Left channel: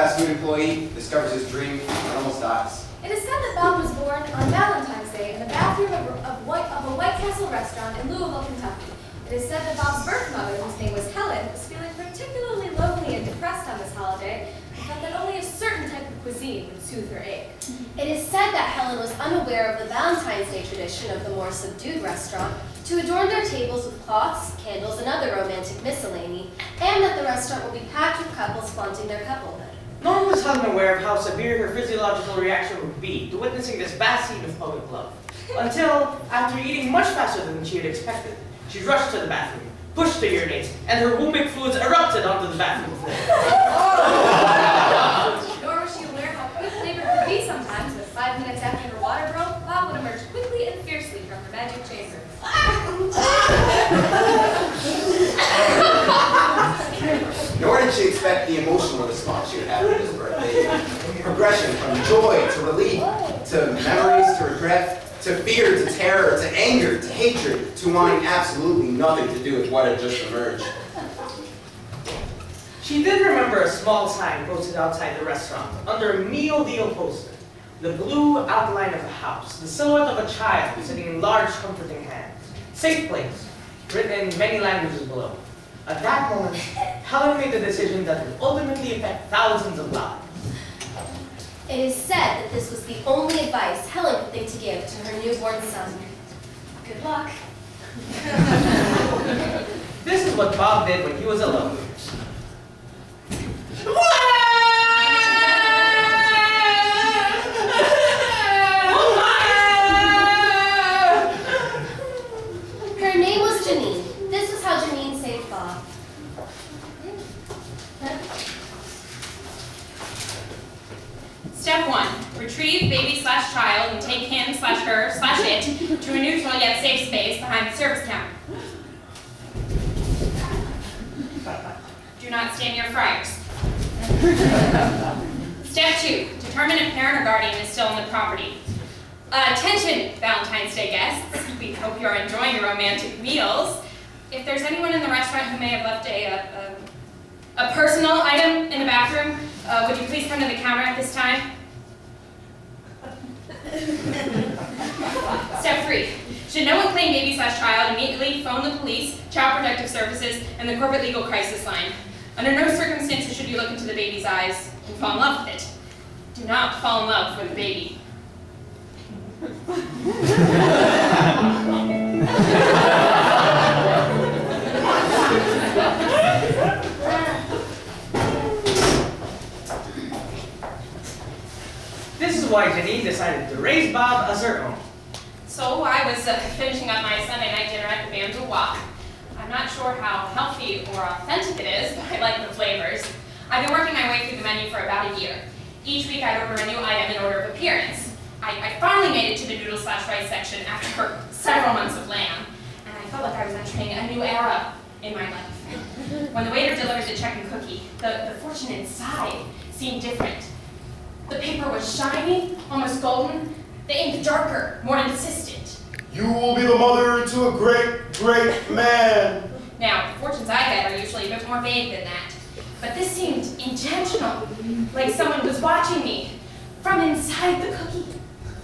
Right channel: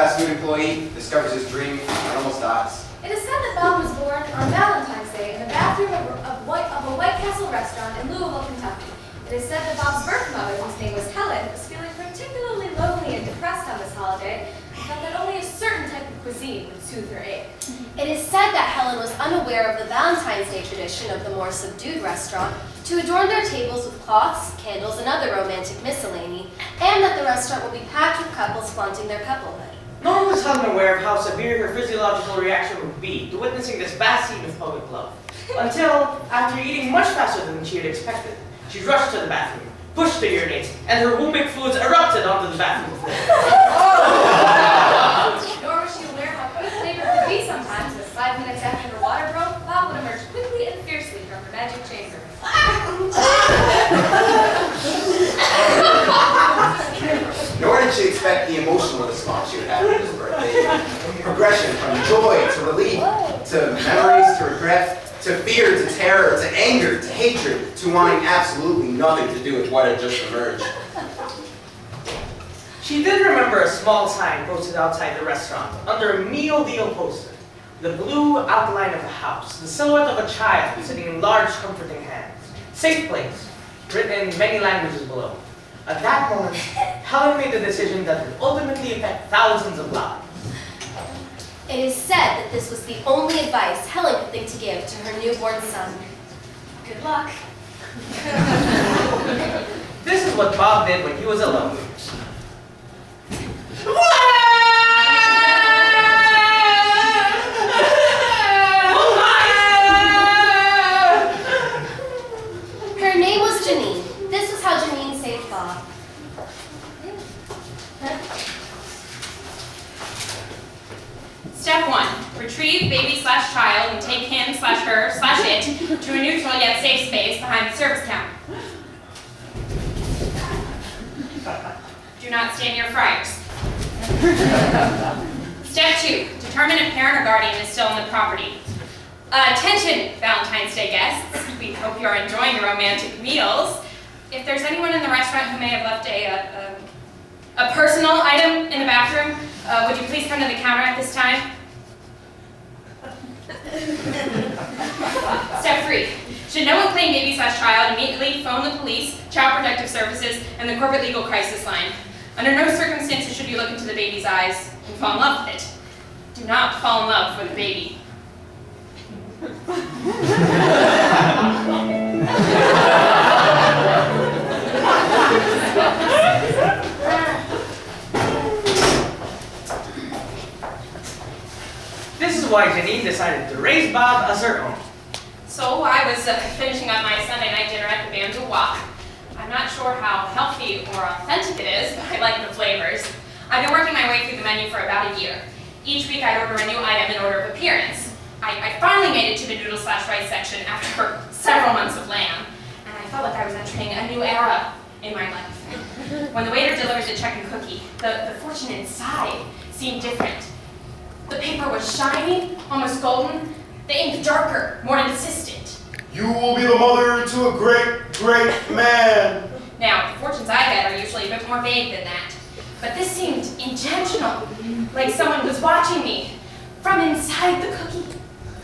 fast food employee discovers his dream and almost dies. It is said that Bob was born on Valentine's Day in the bathroom of a White Castle restaurant in Louisville, Kentucky. It is said that Bob's birth mother, whose name was Helen, was feeling particularly lonely and depressed on this holiday, and felt that only a certain type of cuisine would soothe her ache. It is said that Helen was unaware of the Valentine's Day tradition of the more subdued restaurant to adorn their tables with cloths, candles, and other romantic miscellany, and that the restaurant will be packed with couples flaunting their couplehood. Nor was Helen aware of how severe her physiological reaction would be to witnessing this vast scene of public love, until, after eating much faster than she had expected, she rushed to the bathroom, pushed the urinates, and her wombic fluids erupted onto the bathroom floor. Nor was she aware how quick labor could be sometimes, but 5 minutes after her water broke, Bob would emerge quickly and fiercely from her magic chamber. Nor did she expect the emotional response she would have at his birthday. Progression from joy to relief, to memories, to regret, to fear, to terror, to anger, to hatred, to wanting absolutely nothing to do with what had just emerged. She did remember a small sign posted outside the restaurant under a meal deal poster. The blue outline of a house, the silhouette of a child sitting in large comforting hands. Safe place, written in many languages below. At that moment, Helen made the decision that would ultimately affect thousands of lives. It is said that this was the only advice Helen could think to give to her newborn son. Good luck. This is what Bob did when he was alone. Her name was Janine. This was how Janine saved Bob. Step 1. Retrieve baby/child and take him/her/it to a neutral yet safe space behind the service counter. Do not stand near fryers. Step 2. Determine if parent or guardian is still on the property. Attention, Valentine's Day guests. We hope you are enjoying your romantic meals. If there's anyone in the restaurant who may have left a personal item in the bathroom, would you please come to the counter at this time? Step 3. Should no one claim baby/child, immediately phone the police, Child Protective Services, and the Corporate Legal Crisis Line. Under no circumstances should you look into the baby's eyes and fall in love with it. Do not fall in love with a baby. This is why Janine decided to raise Bob as her own. So I was finishing up my Sunday night dinner at the Banjo Walk. I'm not sure how healthy or authentic it is, but I like the flavors. I've been working my way through the menu for about a year. Each week I'd order a new item in order of appearance. I finally made it to the noodle/rice section after several months of lamb, and I felt like I was entering a new era in my life. When the waiter delivered the check and cookie, the fortune inside seemed different. The paper was shiny, almost golden, the ink darker, more insistent. You will be the mother to a great, great man. Now, the fortunes I get are usually a bit more vague than that, but this seemed intentional, like someone was watching me from inside the cookie.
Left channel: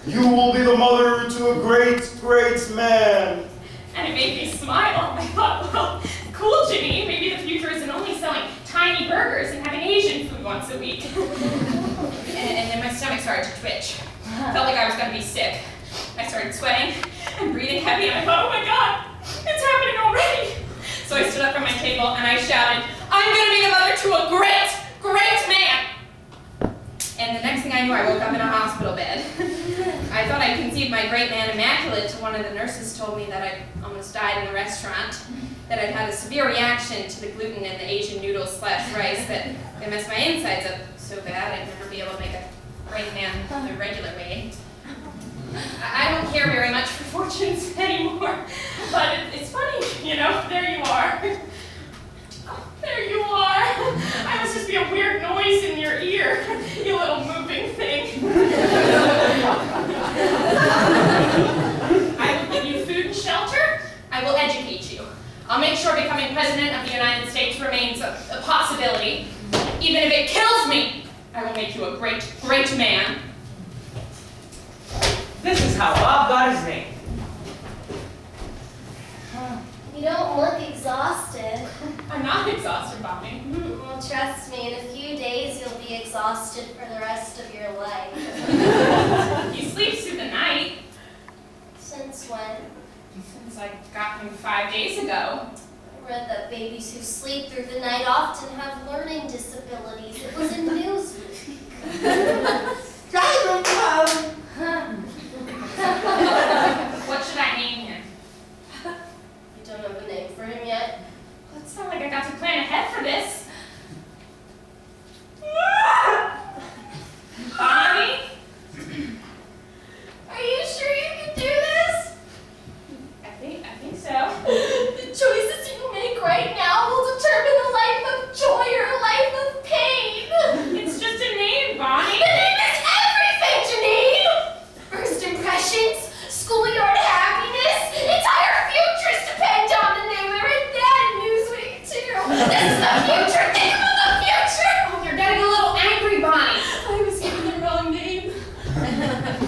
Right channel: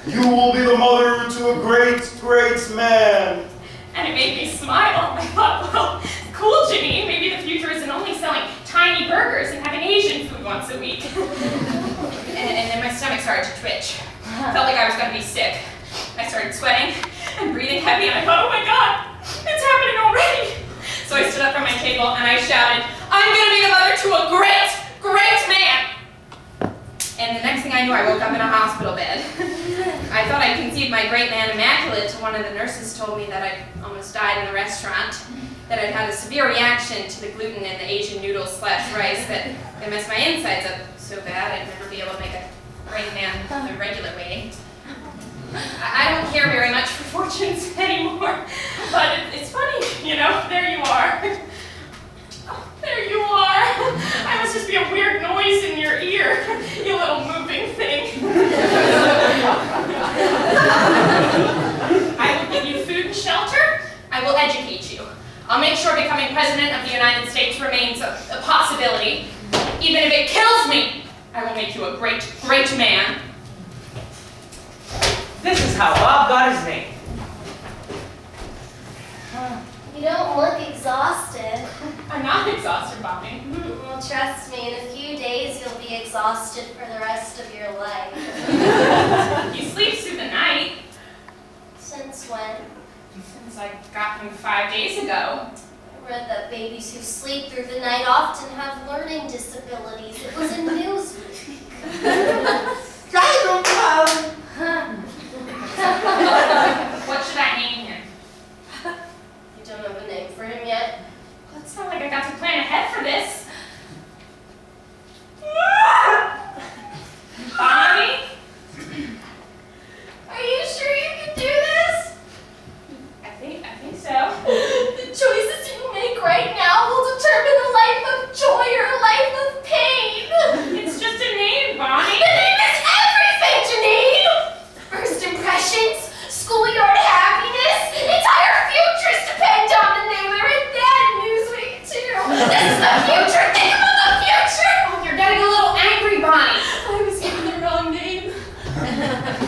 You will be the mother to a great, great man. And it made me smile. I thought, well, cool, Janine, maybe the future isn't only selling tiny burgers and having Asian food once a week. And then my stomach started to twitch. Felt like I was going to be sick. I started sweating and breathing heavy, and I thought, oh my God, it's happening already. So I stood up from my table and I shouted, I'm going to be the mother to a great, great man. And the next thing I knew, I woke up in a hospital bed. I thought I conceived my great man immaculate till one of the nurses told me that I almost died in the restaurant, that I'd had a severe reaction to the gluten in the Asian noodles/rice that it messed my insides up so bad I'd never be able to make a great man the regular way. I don't care very much for fortunes anymore, but it's funny, you know, there you are. Oh, there you are. I must just be a weird noise in your ear, you little moving thing. I will give you food and shelter. I will educate you. I'll make sure becoming president of the United States remains a possibility. Even if it kills me, I will make you a great, great man. This is how Bob got his name. You don't look exhausted. I'm not exhausted, Bobby. Well, trust me, in a few days you'll be exhausted for the rest of your life. He sleeps through the night. Since when? Since I got him 5 days ago. I read that babies who sleep through the night often have learning disabilities. It was in Newsweek. What should I name him? You don't have a name for him yet? Well, it's not like I got to plan ahead for this. Bonnie? Are you sure you can do this? I think so. The choices you make right now will determine a life of joy or a life of pain. It's just a name, Bonnie. The name is everything, Janine! First impressions, schoolyard happiness, entire futures depend on the name. I read that in Newsweek, too. This is the future! Think about the future! Oh, you're getting a little angry, Bonnie. I was given the wrong name.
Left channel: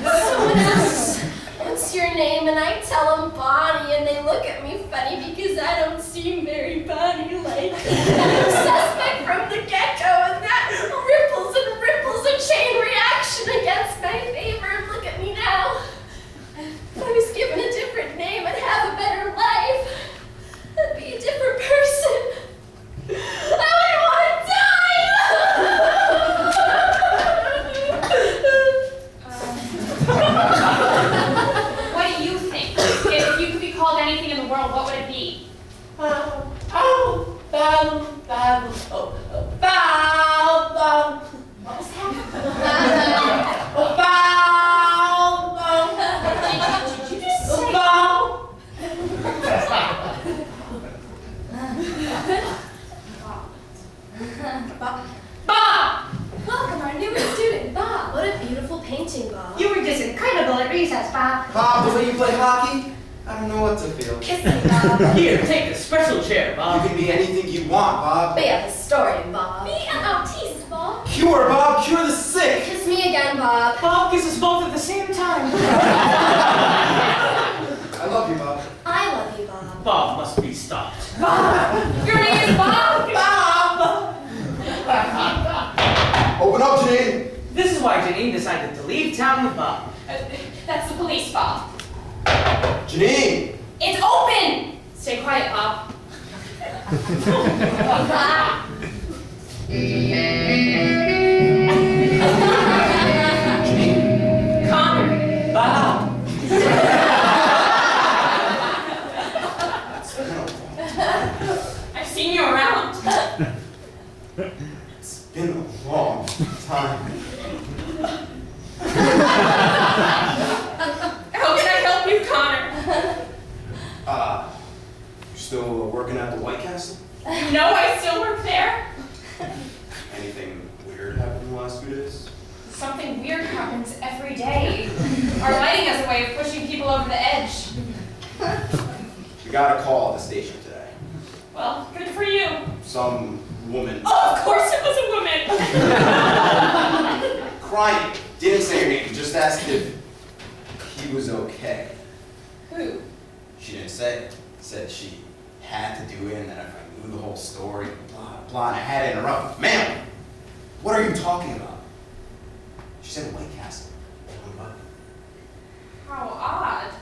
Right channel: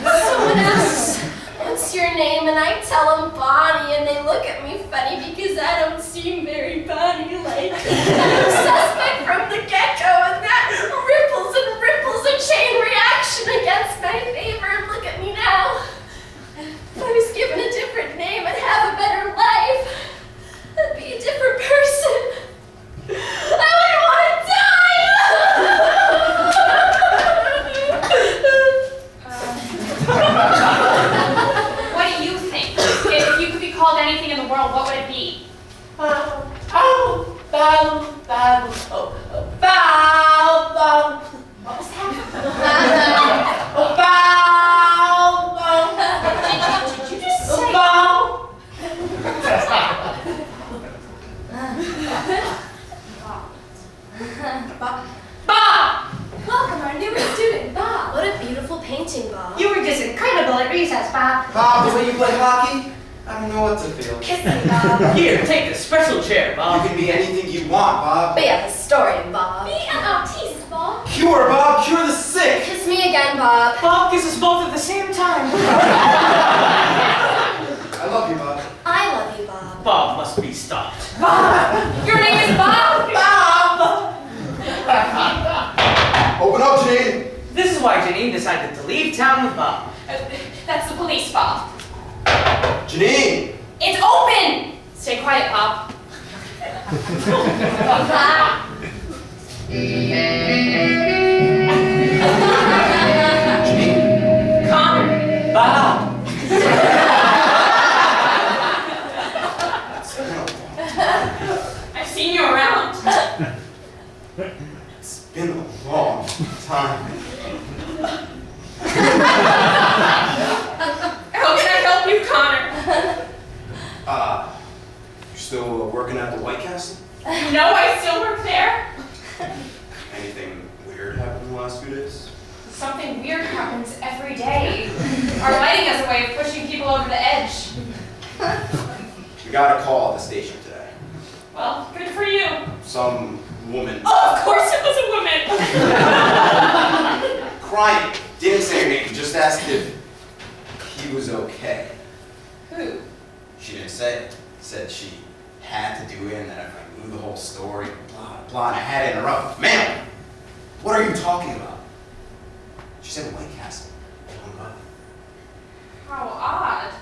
Someone asks, what's your name? And I tell them Bonnie, and they look at me funny because I don't seem very Bonnie-like. I'm suspect from the get-go, and that ripples and ripples a chain reaction against my favor. Look at me now. If I was given a different name, I'd have a better life. I'd be a different person. I wouldn't want to die! What do you think? If you could be called anything in the world, what would it be? What was that? Did you just say? Bob! Welcome, our newest student, Bob. What a beautiful painting, Bob. You were just incredible at recess, Bob. Bob, the way you play hockey, I don't know what to feel. Kiss me, Bob. Here, take this special chair, You Bob. can be anything you want, Bob. Be a historian, Bob. Be an artiste, Bob. Cure, Bob, cure the sick. Kiss me again, Bob. Bob kisses both at the same time. I love you, Bob. I love you, Bob. Bob must be stopped. Your name is Bob? Bob! Open up, Janine. This is why Janine decided to leave town with Bob. That's the police, Bob. Janine. It's open! Stay quiet, Bob. Janine. Connor. Bob! It's been a long time. I've seen you around. It's been a long time. How can I help you, Connor? You're still working at the White Castle? You know I still work there? Anything weird happened in the last few days? Something weird happens every day. Our lighting has a way of pushing people over the edge. We got a call at the station today. Well, good for you. Some woman Oh, of course it was a woman. crying. Didn't say her name, just asked if he was okay. Who? She didn't say. Said she had to do it and that if I knew the whole story, blah, blah, and I had to interrupt. Ma'am, what are you talking about? She said White Castle. Hung up. How odd.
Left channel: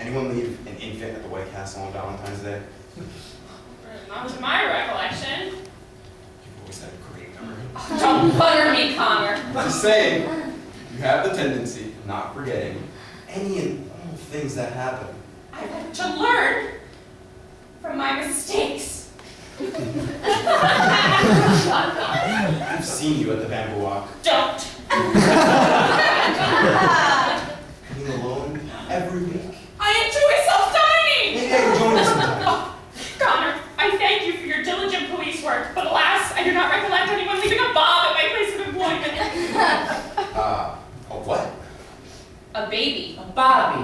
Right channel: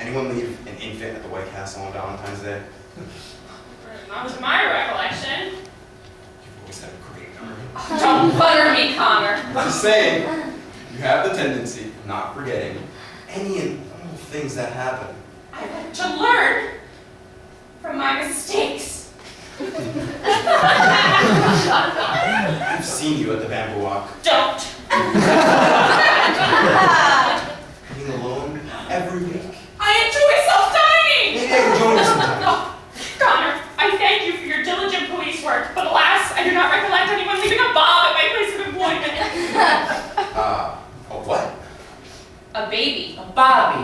Anyone leave an infant at the White Castle on Valentine's Day? Not to my recollection. You've always had a great memory. Don't butter me, Connor. Just saying, you have the tendency of not forgetting any and all things that happen. I've had to learn from my mistakes. I've seen you at the Bamboo Walk, Don't. being alone every week. I enjoy self-dining. Maybe I can join you sometime. Oh, Connor, I thank you for your diligent police work, but alas, I do not recollect anyone leaving a bomb at my place of employment. A what? A baby. Bobby.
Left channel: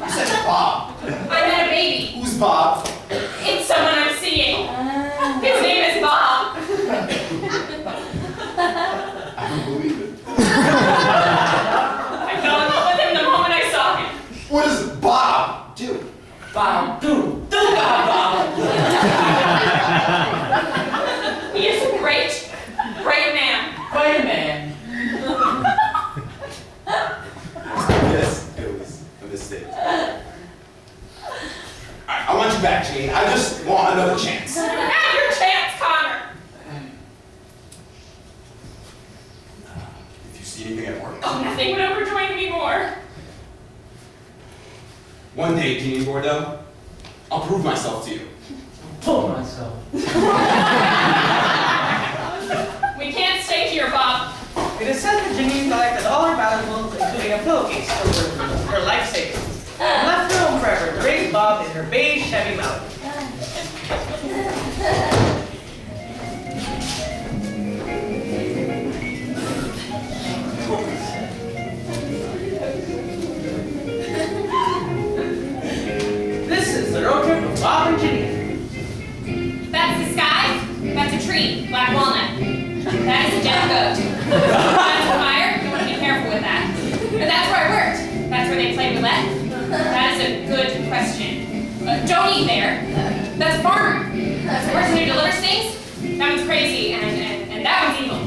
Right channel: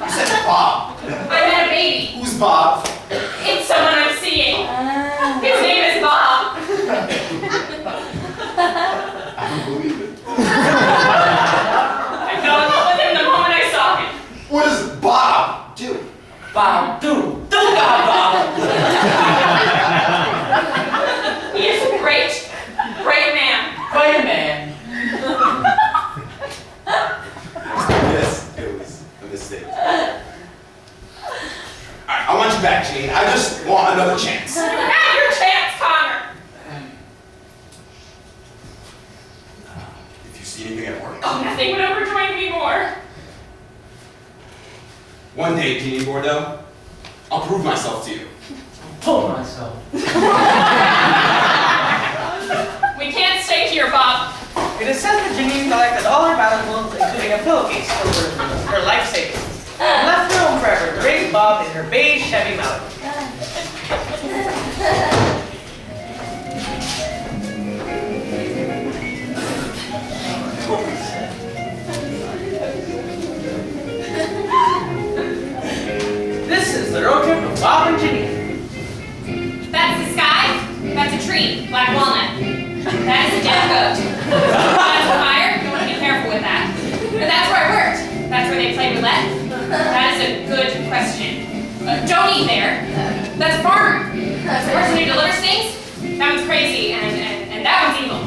You said Bob. I met a baby. Who's Bob? It's someone I'm seeing. His name One day, Jeannie Bordeaux, I'll prove myself to you. Pull myself. We can't stay here, Bob. It is said that Janine collected all her valuables, including a pillowcase filled with her life savings, and left her home forever to raise Bob in her beige Chevy Malibu. This is the road trip of Bob and Janine. That's the sky. That's a tree. Black walnut. That is a dead goat. That's a fire. You want to be careful with that. But that's where I worked. That's where they play roulette. That is a good question. Don't eat there. That's a farmer. That's the person who delivers things. That one's crazy, and that one's evil.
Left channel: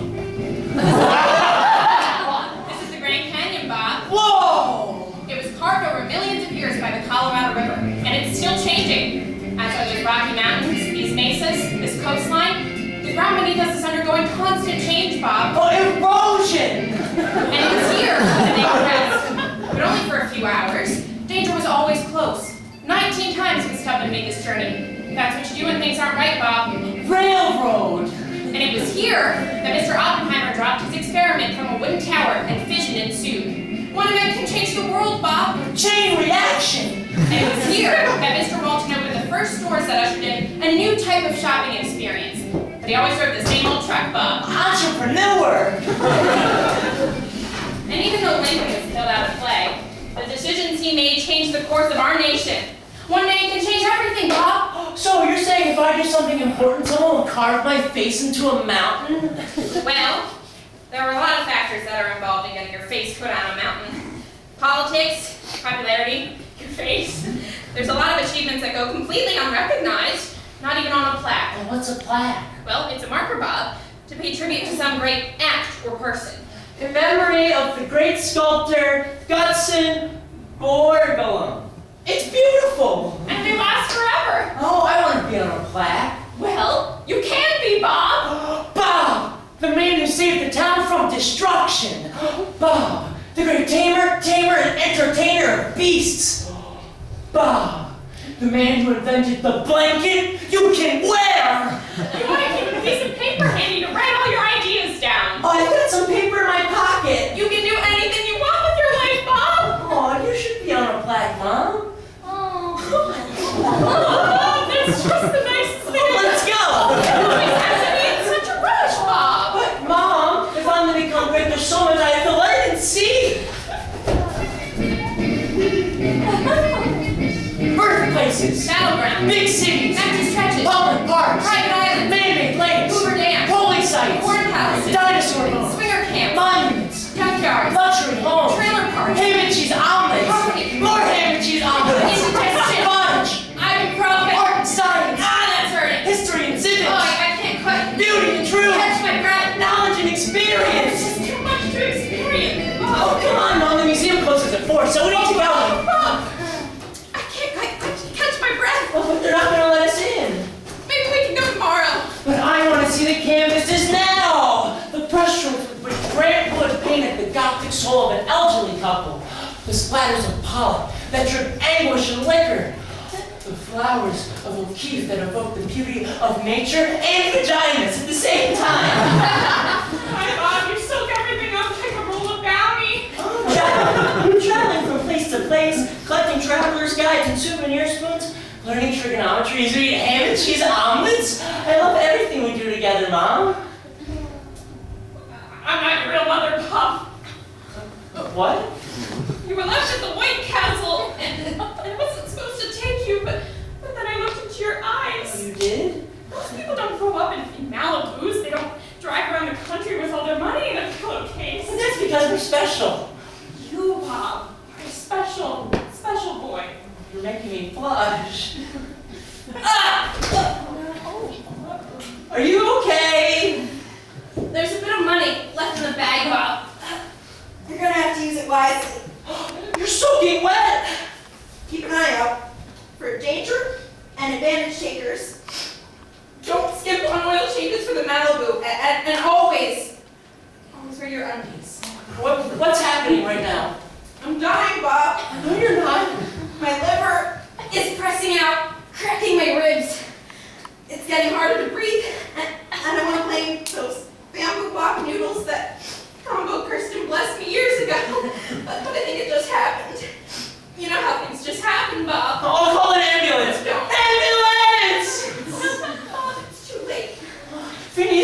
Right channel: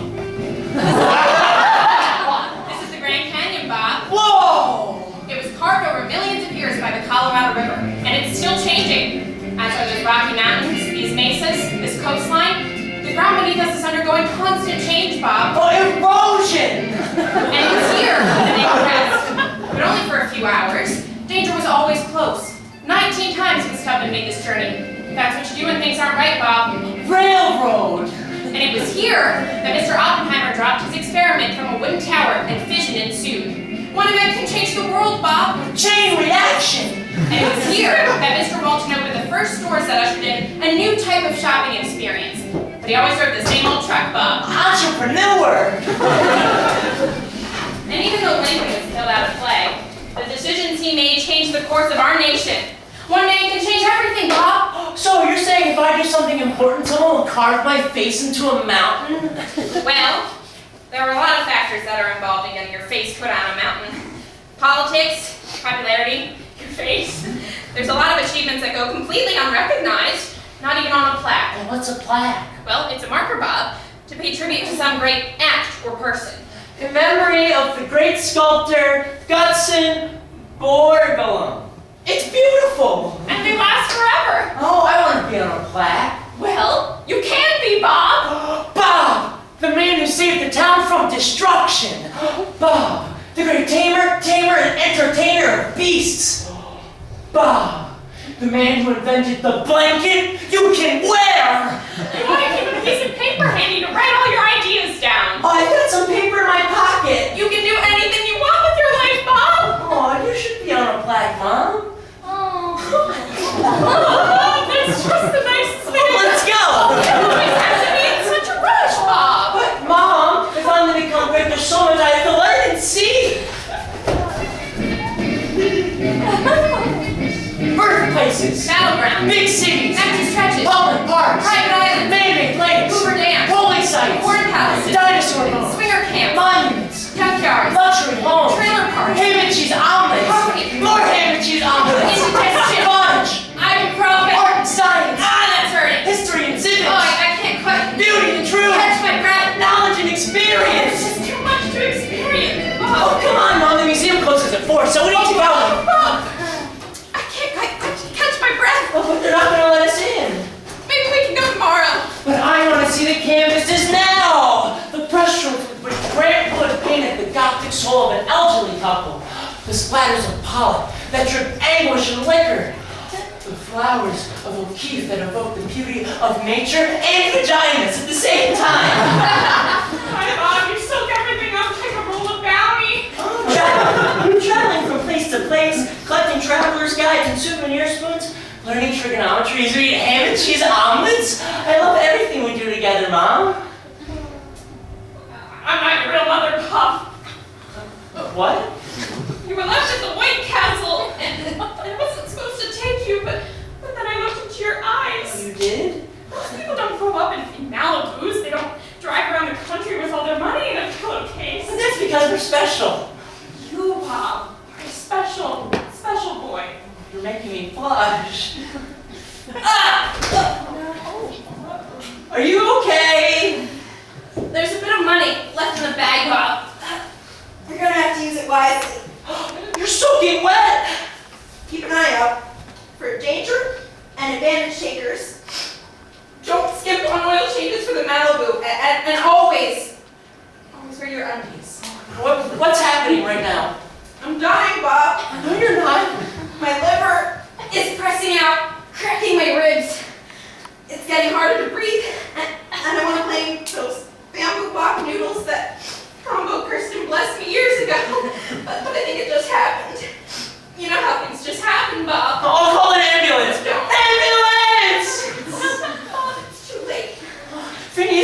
This is the Grand Canyon, Bob. Whoa! It was carved over millions of years by the Colorado River, and it's still changing. As are those Rocky Mountains, these mesas, this coastline. The ground beneath us is undergoing constant change, Bob. Oh, erosion! And it was here that they progressed, but only for a few hours. Danger was always close. 19 times Miss Tubman made this journey. That's what you do when things aren't right, Bob. Railroad! And it was here that Mr. Oppenheimer dropped his experiment from a wooden tower and fission ensued. One event can change the world, Bob. Chain reaction! And it was here that Mr. Walton opened the first stores that ushered in a new type of shopping experience. But he always drove the same old truck, Bob. Entrepreneur! And even though Lincoln was killed out of play, the decisions he made changed the course of our nation. One man can change everything, Bob. So you're saying if I do something important, someone will carve my face into a mountain? Well, there are a lot of factors that are involved in getting your face put on a mountain. Politics, popularity, your face. There's a lot of achievements that go completely unrecognized, not even on a plaque. And what's a plaque? Well, it's a marker, Bob, to pay tribute to some great act or person. In memory of the great sculptor Gutzon Borglum. It's beautiful! And they last forever. Oh, I want to be on a plaque. Well, you can be, Bob. Bob! The man who saved the town from destruction. Bob! The great tamer and entertainer of beasts. Bob! The man who invented the blanket you can wear! You want to keep a piece of paper handy to write all your ideas down. Oh, I've got some paper in my pocket. You can do anything you want with your life, Bob. Oh, you should be on a plaque, Mom. Oh, that's just the nicest thing. Let's go! You always have to be in such a rush, Bob. But, Mom, if I'm going to become great, there's so much I have to learn and see. Birthplaces. Battleground. Big cities. Empty stretches. Public parks. Private islands. Man-made lakes. Hoover Dam. Holy sites. Corn palaces. Dinosaur bones. Swinger camps. Monuments. Junkyards. Luxury homes. Trailer parks. Ham and cheese omelets. Property. More ham and cheese omelets. Indigestion. Fudge. Ibuprofen. Art and science. That's hurting. History and civics. Oh, I can't quite Beauty and truth. catch my breath. Knowledge and It's experience. just too much to experience. Oh, come on, Mom. The museum closes at 4, so we need to go. Bob, I can't quite catch my breath. Oh, but they're not going to let us in. Maybe we can go tomorrow. But I want to see the canvases now! The brushstrokes with which Grant Wood painted the Gothic soul of an elderly couple. The splatters of pollock that drip anguish and liquor. The flowers of O'Keeffe that evoke the beauty of nature and vaginas at the same time. My Bob, you soak everything up like a roll of bounty. Traveling from place to place, collecting traveler's guides and souvenir spoons, learning trigonometry as we eat ham and cheese omelets. I love everything we do together, Mom. I'm not your real mother, Bob. What? You were left at the White Castle, and I wasn't supposed to take you, but then I looked into your eyes. You did? Most people don't grow up in Malibus. They don't drive around the country with all their money in a pillowcase. And that's because we're special. You, Bob, are a special boy. You're making me blush. Are you okay? There's a bit of money left in the bag, Bob. You're gonna have to use it wisely. You're soaking wet. Keep an eye out for danger and advantage takers. Don't skip on oil changes for the Malibu, and always wear your undies. What's happening right now? I'm dying, Bob. No, you're not. My liver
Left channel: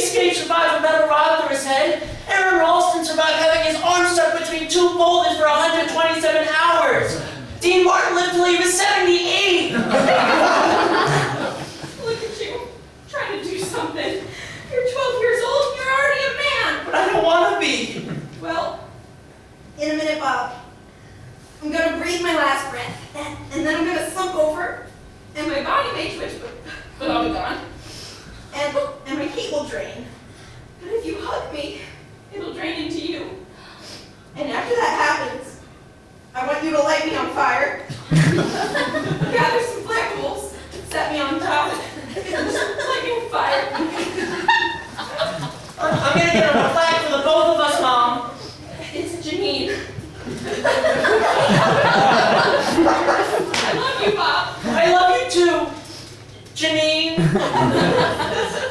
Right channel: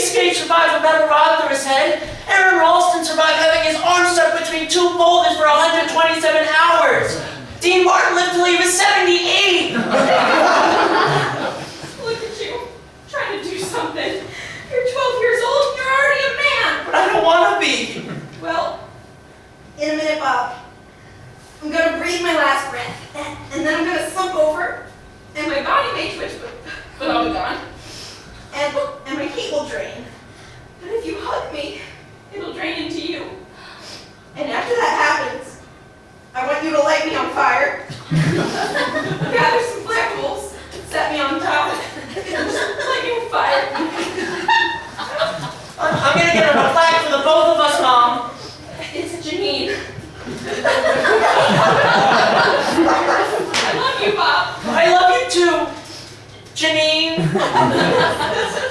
Escape survived a metal rod through his head. Aaron Ralston survived having his arm stuck between two boulders for 127 hours. Dean Martin lived till he was 78. Look at you, trying to do something. You're 12 years old and you're already a man. But I don't want to be. Well, In a minute, Bob. I'm gonna breathe my last breath, and then I'm gonna slump over, and my body may twitch, but I'll be gone. and my heat will drain. But if you hug me, it'll drain into you. And after that happens, I want you to light me on fire. Gather some flammables, set me on top, and light me on fire. I'm gonna get a flag for the both of us, Mom. It's Janine. I love you, Bob. I love you too, Janine.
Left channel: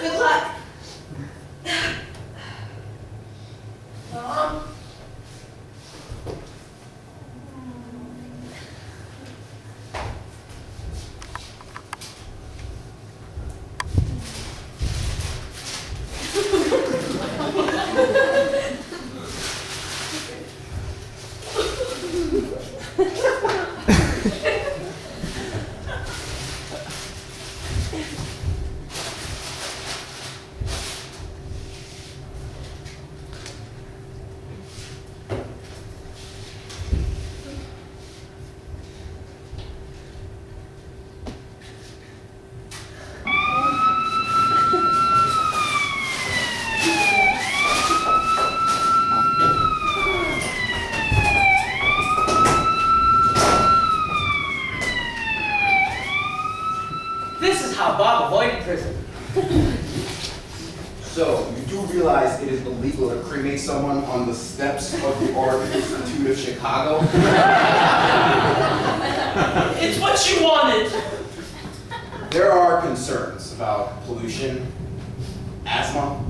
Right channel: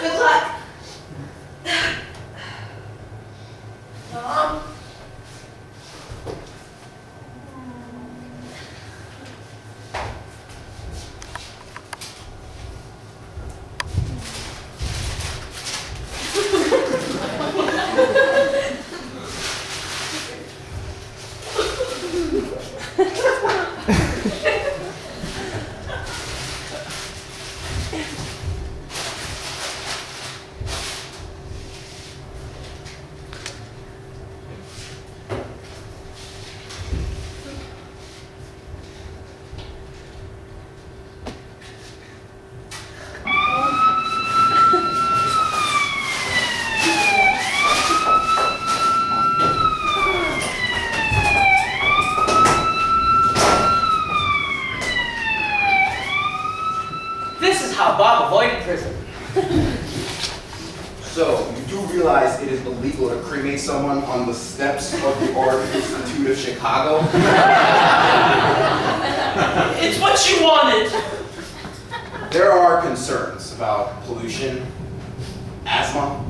Good luck. Mom. Bob avoided prison. So, you do realize it is illegal to cremate someone on the steps of the Art Institute of Chicago? It's what you wanted. There are concerns about pollution, asthma.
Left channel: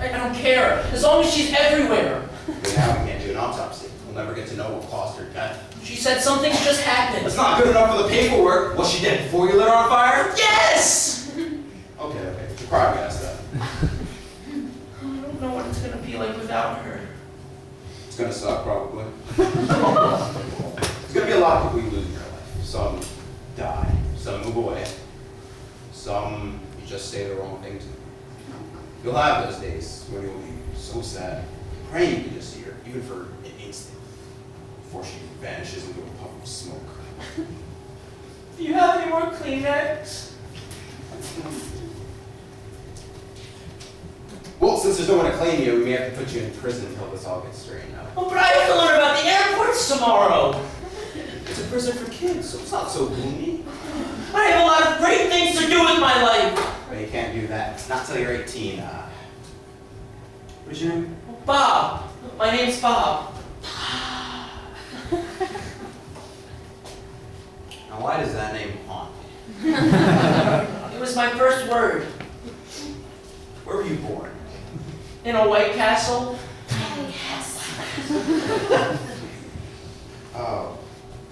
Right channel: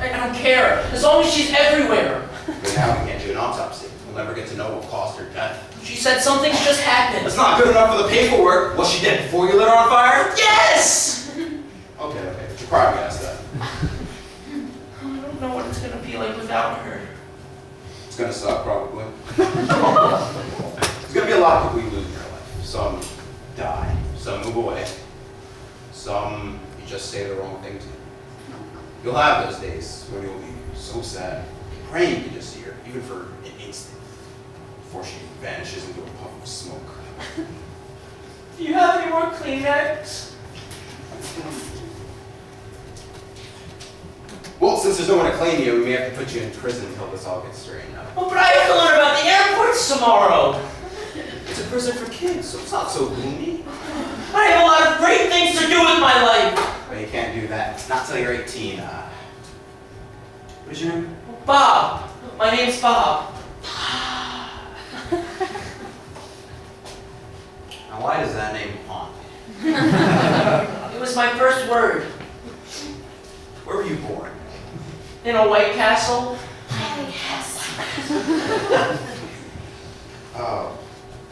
I don't care, as long as she's everywhere. But now we can't do an autopsy. We'll never get to know what caused her death. She said something's just happened. That's not good enough for the paperwork. Was she dead before you lit her on fire? Yes! Okay. You probably asked that. I don't know what it's gonna be like without her. It's gonna suck, probably. There's gonna be a lot of people you lose in your life. Some die. Some move away. Some you just say the wrong thing to. You'll have those days when you'll be so sad, praying you can just see her, even for an instant, before she vanishes into a puff of smoke. Do you have any more Kleenex? Well, since there's no one to claim you, we may have to put you in prison until this all gets straightened out. Oh, but I have to learn about the airports tomorrow. It's a prison for kids, so it's not so gloomy. I have a lot of great things to do with my life. But you can't do that. Not till you're 18. What is your name? Bob. My name's Bob. Now, why does that name haunt you? It was my first word. Where were you born? In a White Castle.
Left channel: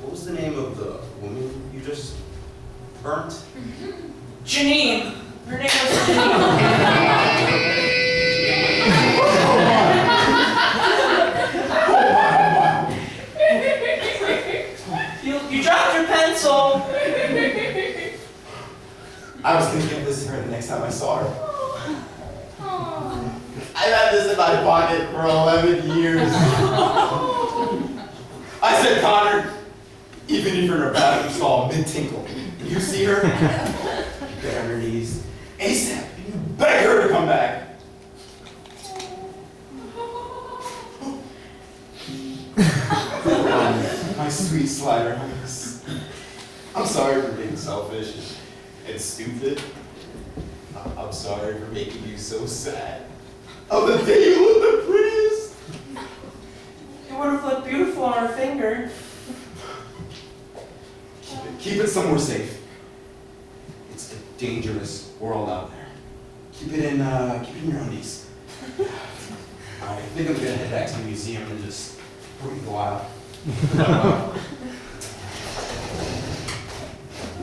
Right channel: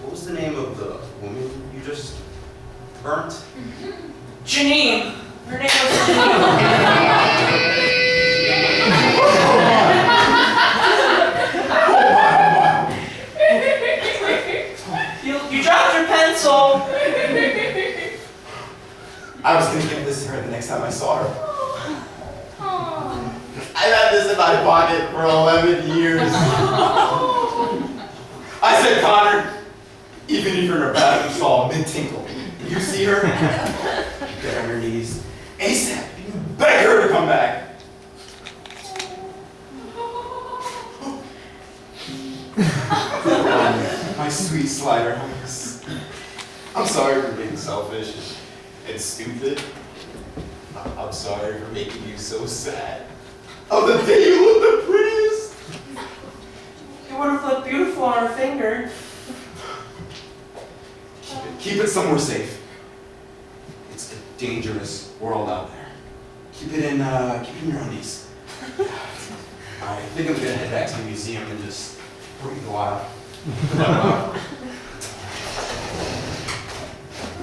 What was the name of the woman you just burnt? Janine. Her name was Janine. You dropped your pencil. I was gonna give this to her the next time I saw her. I've had this in my pocket for 11 years. I said, Connor, even if you're in a bathroom stall mid-tinkle, you see her, you get on your knees, ASAP, and you beg her to come back. My sweet slider. I'm sorry for being selfish and stupid. I'm sorry for making you so sad. Oh, the day you look the prettiest. It would have looked beautiful on her finger. Keep it somewhere safe. It's a dangerous world out there. Keep it in your undies. I think I'm gonna head back to the museum and just breathe a while.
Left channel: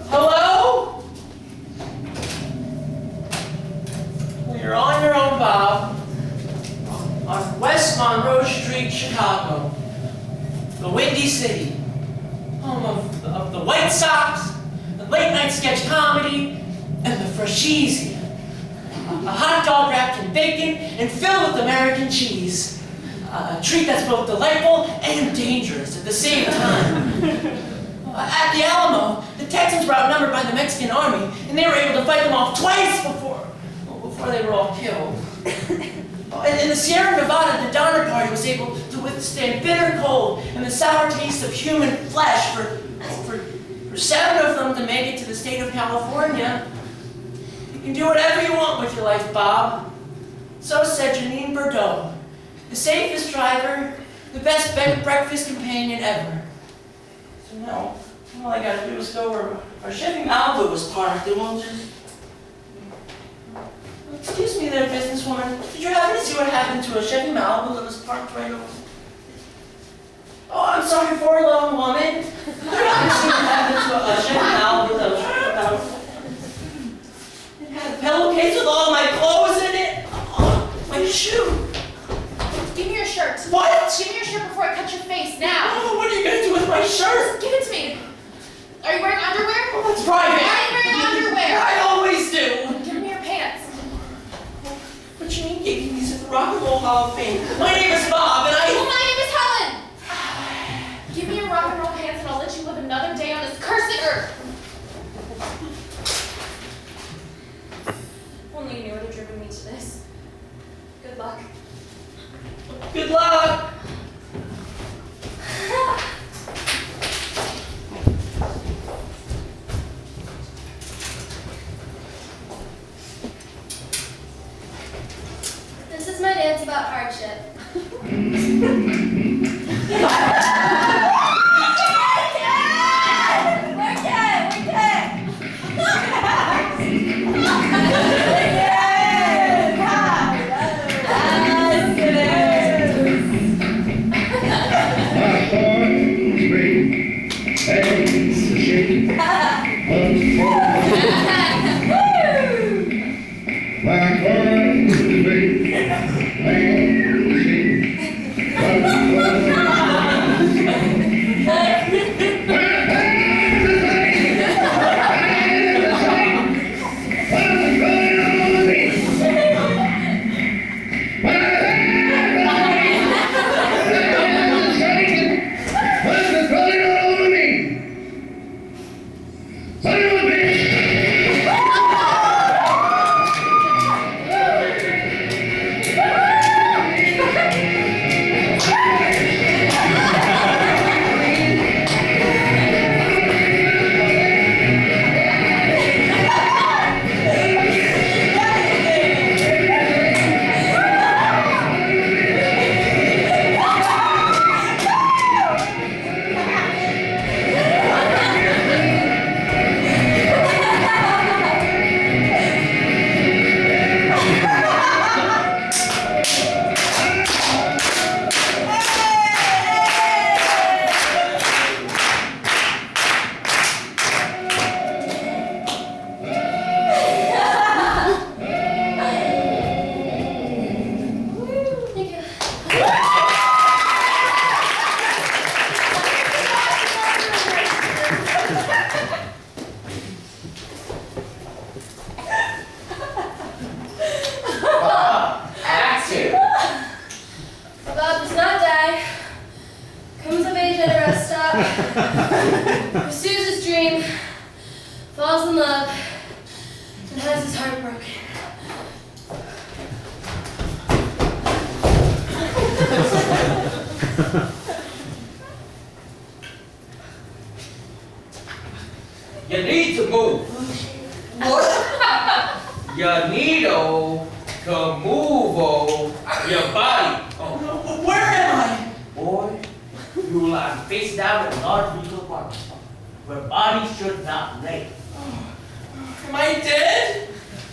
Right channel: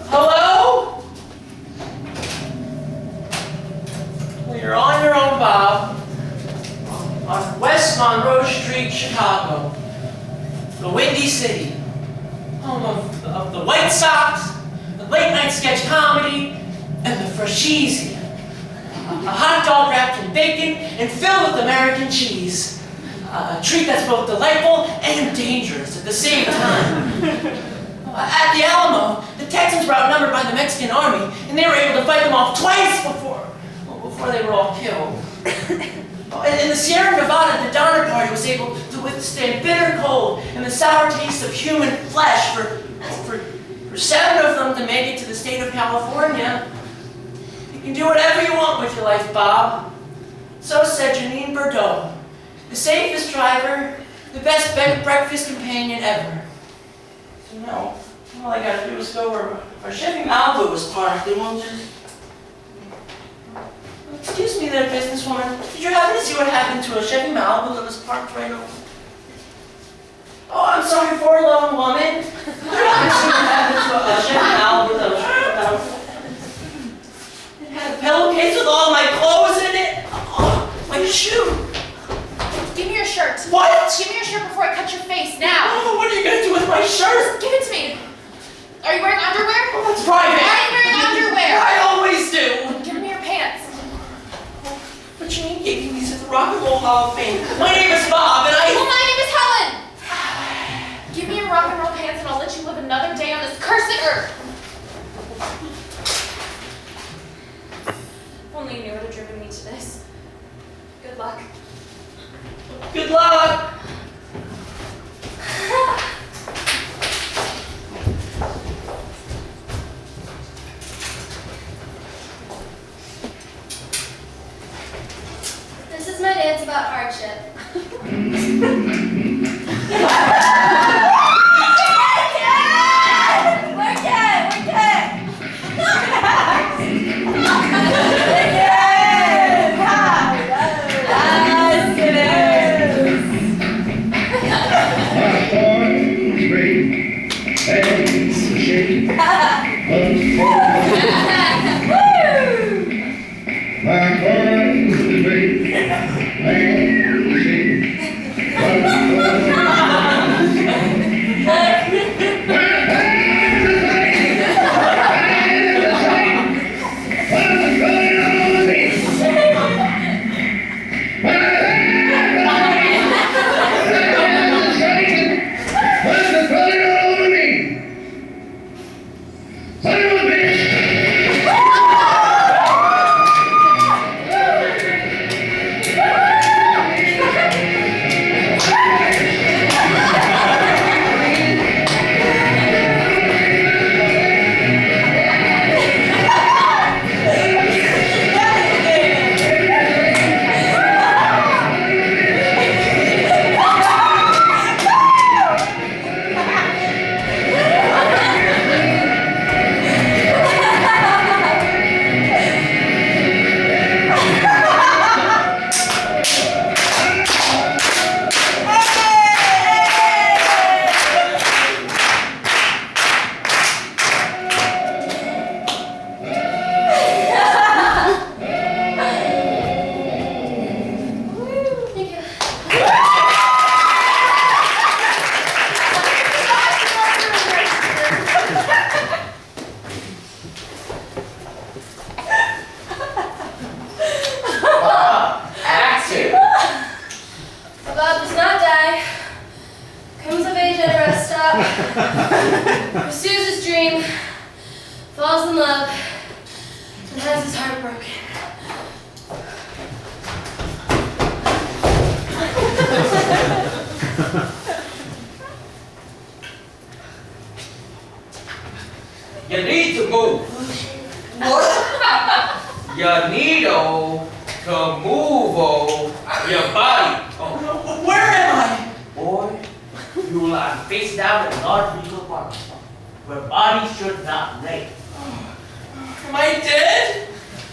Hello? Well, you're on your own, Bob. Monroe Street, Chicago. The Windy City. Home of the White Sox, the late night sketch comedy, and the Frashisi. A hot dog wrapped in bacon and filled with American cheese. A treat that's both delightful and dangerous at the same time. At the Alamo, the Texans were outnumbered by the Mexican army, and they were able to fight them off twice before they were all killed. In the Sierra Nevada, the Donner Party was able to withstand bitter cold and the sour taste of human flesh for 7 of them to make it to the state of California. You can do whatever you want with your life, Bob. So said Janine Bordeaux, the safest driver, the best breakfast companion ever. So now, all I gotta do is go where Chevy Malibu was parked. They won't just... Excuse me there, businesswoman. Did you happen to see what happened to a Chevy Malibu that was parked right over? Oh, I'm sorry, forlorn woman. Did you happen to see what happened to a Chevy Malibu that was right over? It had a pillowcase with all my clothes in it. Oh, my shoe. Give me your shirt. What? Give me your shirt before I cut your face, now. Oh, what are you gonna do with my shirt? Give it to me. Are you wearing underwear? Oh, that's private. Why are you wearing underwear? I always do. Give me your pants. But Janine gave me these at the Rock and Roll Hall of Fame. My name is Bob, and Well, my name is Helen. Give me your rock and roll pants and I'll let you live another day on this cursed earth. Only you knew what had driven me to this. Good luck. Good luck. This is my dance about hardship. Pursues his dream, falls in love, and has his heart broken. You need to move. What? You need to move your body. Oh, where am I? Boy, you lie face down in a large legal apartment where bodies should not lay. Am I dead?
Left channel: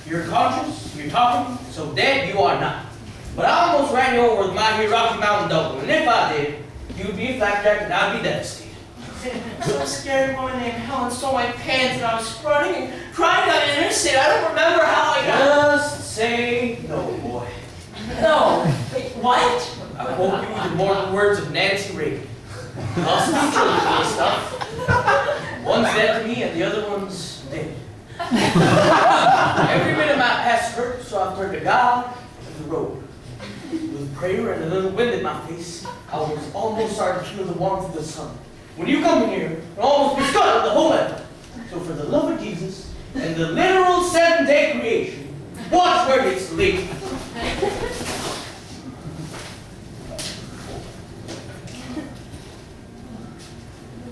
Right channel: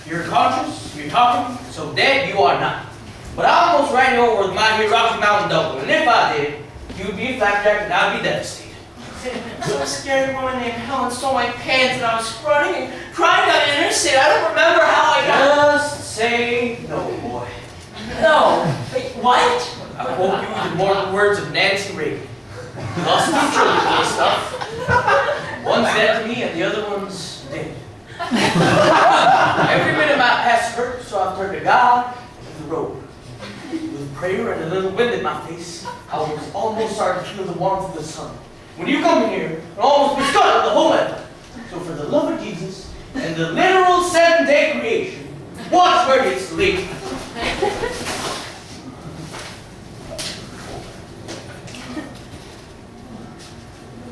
You're conscious, you're talking, so dead you are not. But I almost ran you over with my here Rocky Mountain Double, and if I did, you'd be a flapjack and I'd be devastated. Some scary woman named Helen stole my pants and I was running and crying down the interstate. I don't remember how I got... Just say no, boy. No. Wait, what? quote you the immortal words of Nancy Reagan. Lost two children to this stuff. One's dead to me and the other one's dead. Every minute my past hurt, so I've turned to God and the road. With prayer and a little wind in my face, I was almost starting to feel the warmth of the sun. When you come in here, I almost be stuck with the whole effort. So for the love of Jesus and the literal 7-day creation, watch where you sleep.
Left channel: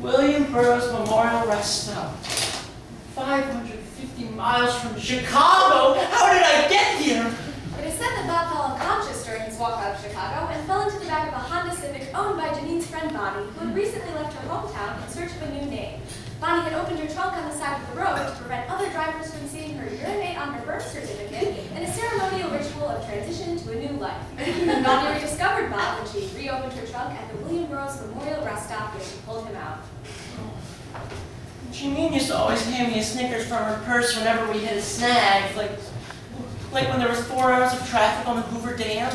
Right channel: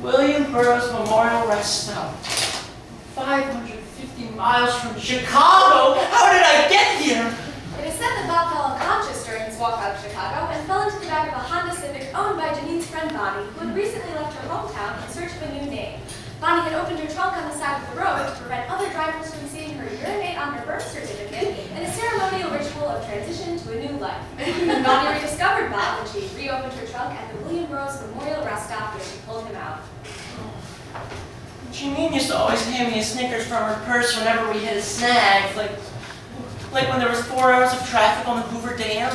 William Burroughs Memorial Rest Stop. 550 miles from Chicago? How did I get here? It is said that Bob fell unconscious during his walk out of Chicago and fell into the back of a Honda Civic owned by Janine's friend Bonnie, who had recently left her hometown in search of a new name. Bonnie had opened her trunk on the side of the road to prevent other drivers from seeing her urinate on her birth certificate in a ceremonial ritual of transition to a new life. Bonnie rediscovered Bob when she reopened her trunk at the William Burroughs Memorial Rest Stop where she pulled him out. Janine used to always hand me a Snickers from her purse whenever we hit a snag, like when there was 4 hours of traffic on the Hoover Dam,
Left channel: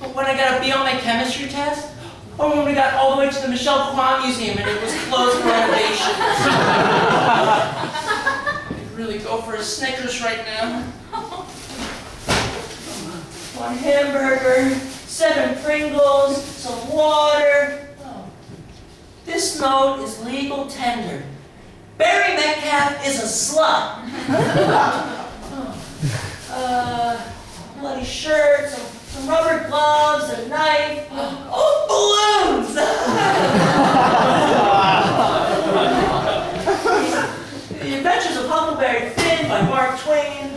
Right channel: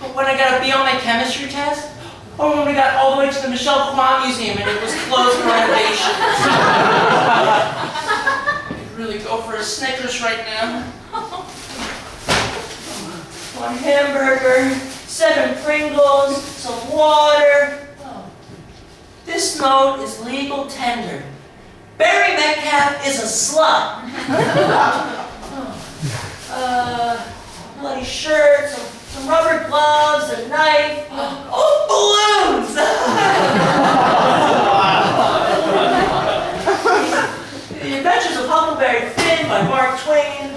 but when I got a B on my chemistry test, or when we got all the way to the Michelle Kwan Museum and it was closed for renovations. I could really go for a Snickers right now. 1 hamburger, 7 Pringles, some water. Oh. This note is legal tender. Barry Metcalf is a slut. Bloody shirt, some rubber gloves, a knife. Oh, balloons! The Adventures of Huckleberry Finn by Mark Twain.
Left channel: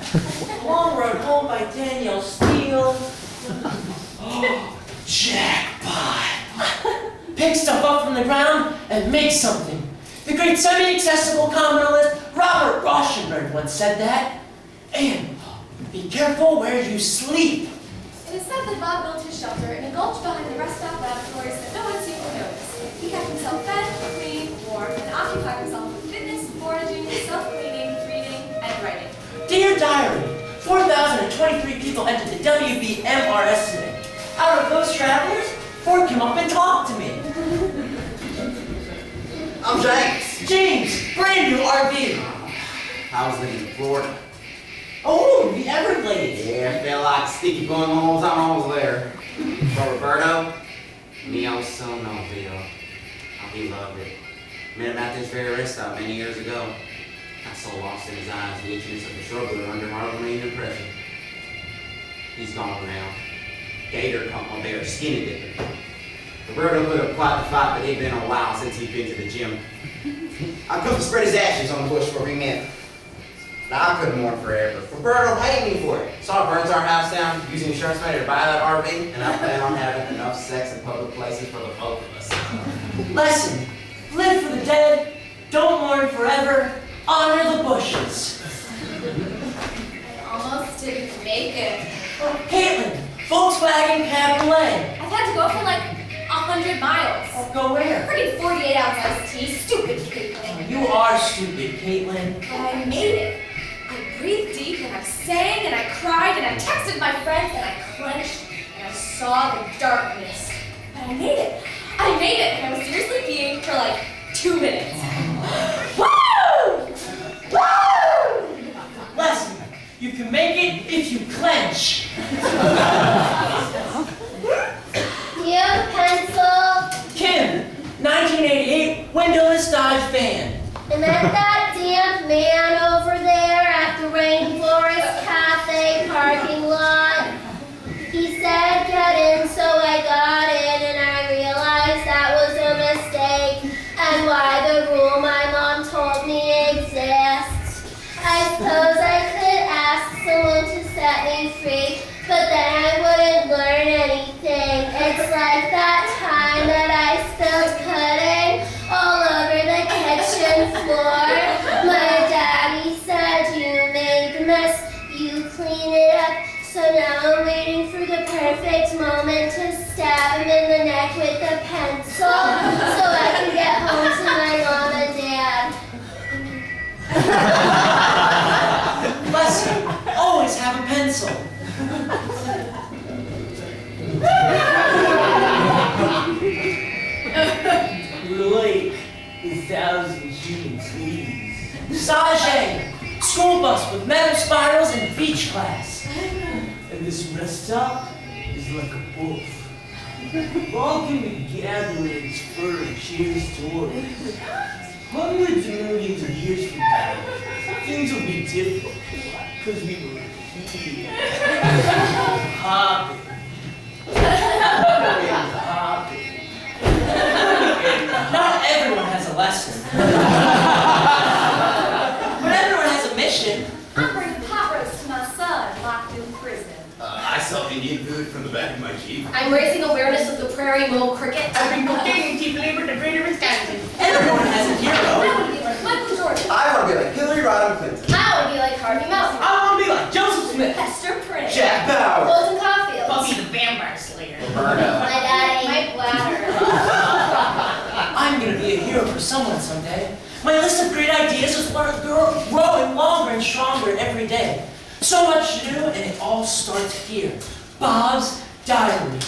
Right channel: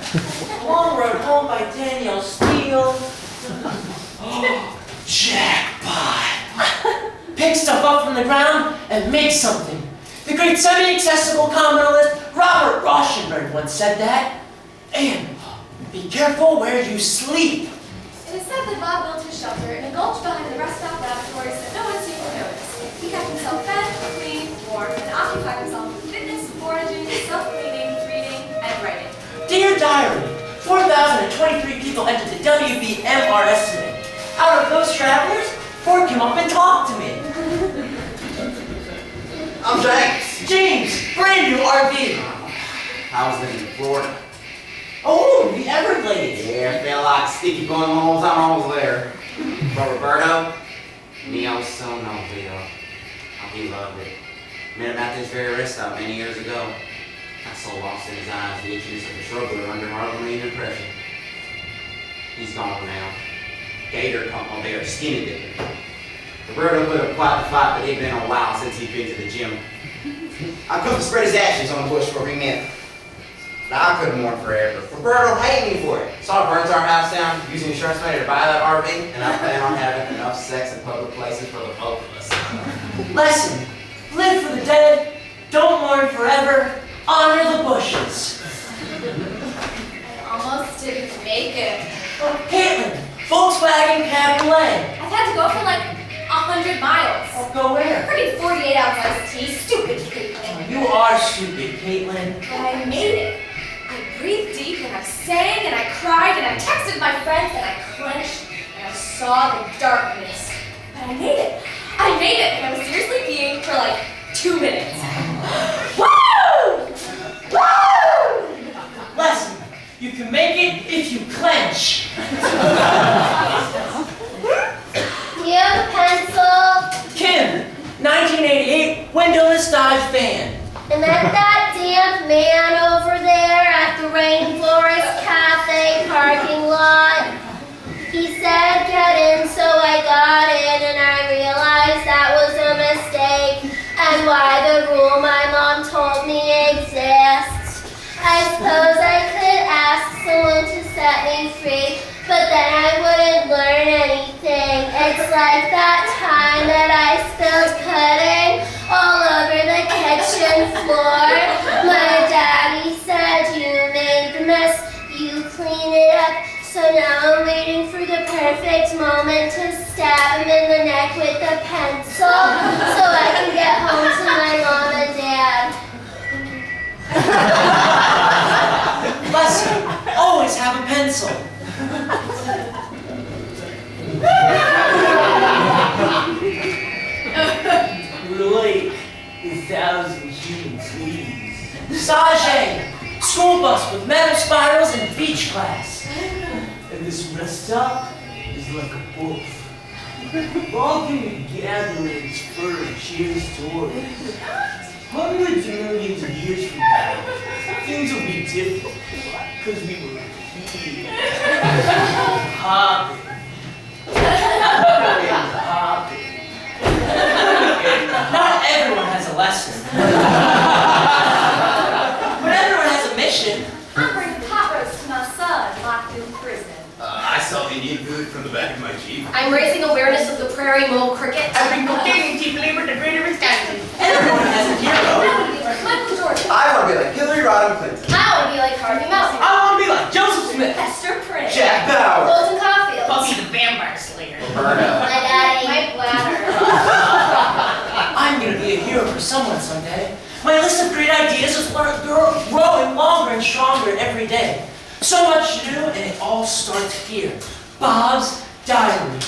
Long Road Home by Danielle Steele. Oh, jackpot! Pick stuff up from the ground and make something. The great semi-accessible communalist Robert Rauschenberg once said that. And be careful where you sleep. It is said that Bob built his shelter in a gulch behind the rest stop laboratories that no one seemed to notice. He kept himself fed, clean, warm, and occupied himself with fitness, foraging, self-cleaning, reading, and writing. Dear Diary, 4,023 people entered the WBMR estimate. Out of those travelers, 4 came up and talked to me. I'm James. James, brand new RV. I was living in Florida. Oh, the Everglades. Yeah, felt like sticky going on all the time I was there. But Roberto, me, I was so Novio. He loved it. Met him at this very rest stop many years ago. I so lost in his eyes the itchiness of the struggle under Marlon Marine impression. He's gone now. Gator caught my bear skinny dipping. Roberto put up quite the fight, but it'd been a while since he'd been to the gym. I come to spread his ashes on the bush where we met. Now, I couldn't mourn forever. Roberto hated me for it. So I burnt our house down using insurance money to buy that RV, and I plan on having enough sex in public places for the both of us. Lesson, live for the dead, don't mourn forever, honor the bushes. I almost didn't make it. Oh, Caitlin, Volkswagen Cabriolet. I've had to go for like 100 miles. Oh, go where? Freaking 48-ounce iced tea. Stupid Caitlin. You are stupid, Caitlin. But I made it. I breathed deep and I sang and I cried and I texted my friends and I clenched and I saw the darkness. But I made it. I made it, and I was seriously peeing for like 2 minutes. Woo! Woo! Lesson, you can make it if you clench. You have a pencil? Kim, 1988 windowless Dodge van. And then that damn man over there at the Rainforest Cafe parking lot. He said get in, so I got in, and I realized that was a mistake, and why the rule my mom told me exists. I suppose I could ask someone to set me free, but then I wouldn't learn anything. It's like that time that I spilled pudding all over the kitchen floor. My daddy said you made the mess, you clean it up. So now I'm waiting for the perfect moment to stab him in the neck with a pencil so I can get home to my mom and dad. Lesson, always have a pencil. 1,000 human fleas. Sage, school bus with metal spirals and beach class. And this rest stop is like a wolf, walking the gatherings for a cheer stories. Hundreds of millions of years from now, things will be different, because we were here, hopping, and hopping. Not everyone has a lesson. But everyone has a mission. I'm bringing pot roast to my son locked in prison. I saw Indian food from the back of my Jeep. I'm raising awareness of the prairie mole cricket. I've been cocaine chief labor to greater Wisconsin. Everyone has a hero. I want to be like Michael Jordan. I want to be like Hillary Rodham Clinton. I want to be like Harvey Mountain. I want to be like Joseph Smith. Hester Prynne. Jack Bauer. Colton Caulfield. Buffy the Vampire Slayer. Roberta. My daddy. My bladder. I'm gonna be a hero for someone someday. My list of great ideas is growing longer and stronger every day. So much to do, and it all starts here. Bob's Diary.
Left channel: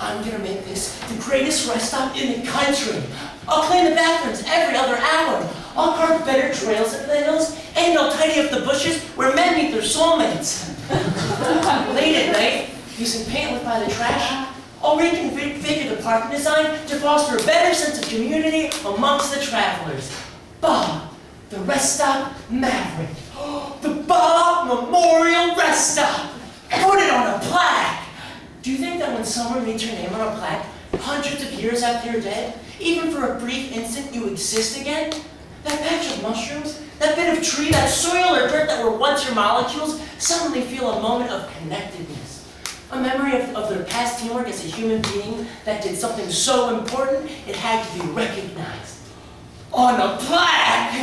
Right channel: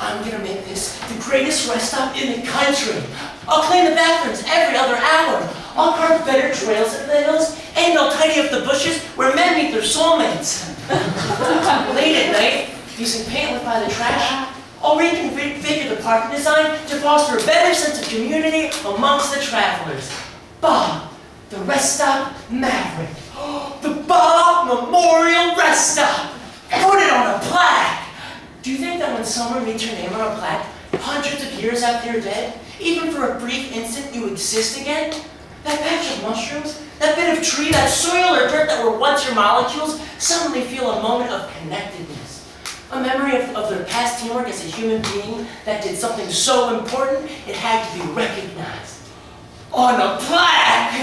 I'm gonna make this the greatest rest stop in the country. I'll clean the bathrooms every other hour. I'll carve better trails in the hills, and I'll tidy up the bushes where men meet their soulmates. Late at night, using paint left by the trash, I'll reconfigure the parking design to foster a better sense of community amongst the travelers. Bob, the rest stop Maverick. The Bob Memorial Rest Stop. Put it on a plaque. Do you think that when someone reads your name on a plaque, hundreds of years after you're dead, even for a brief instant you exist again, that patch of mushrooms, that bit of tree, that soil or dirt that were once your molecules, suddenly feel a moment of connectedness? A memory of their past teamwork as a human being that did something so important it had to be recognized. On a plaque!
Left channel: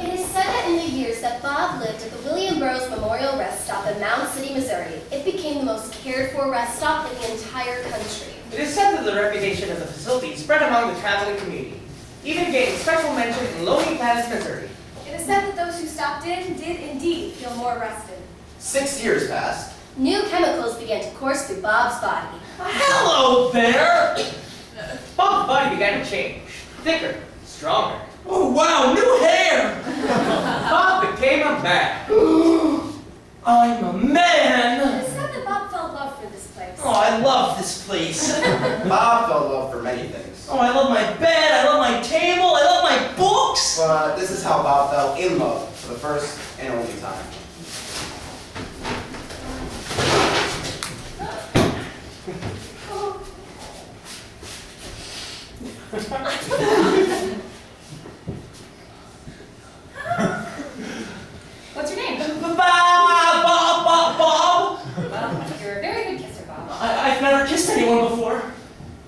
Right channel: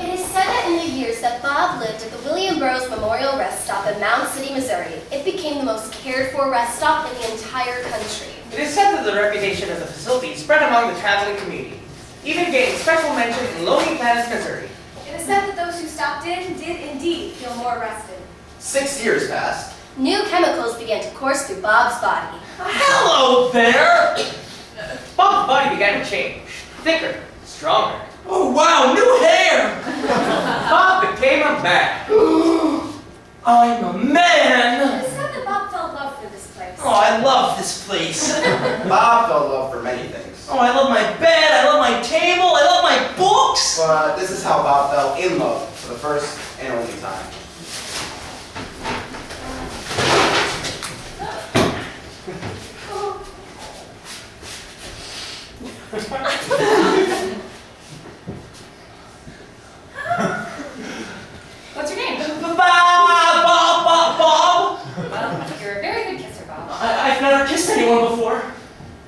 It is said that in the years that Bob lived at the William Burroughs Memorial Rest Stop in Mound City, Missouri, it became the most cared-for rest stop in the entire country. It is said that the reputation of the facility spread among the traveling community, even gaining special mention in Lonely Plains, Missouri. It is said that those who stopped in did indeed feel more rested. 6 years passed. New chemicals began to course through Bob's body. Hello there! Bob's body began to change, thicker, stronger. Oh wow, new hair! Bob became a man. I'm a man! It is said that Bob fell in love for this place. Oh, I love this place. Bob fell in love for many things. Oh, I love my bed, I love my table, I love my books! But this is how Bob fell in love for the first and only time. What's your name? Bob! Well, you're a very good kisser, Bob. I've never kissed anyone before.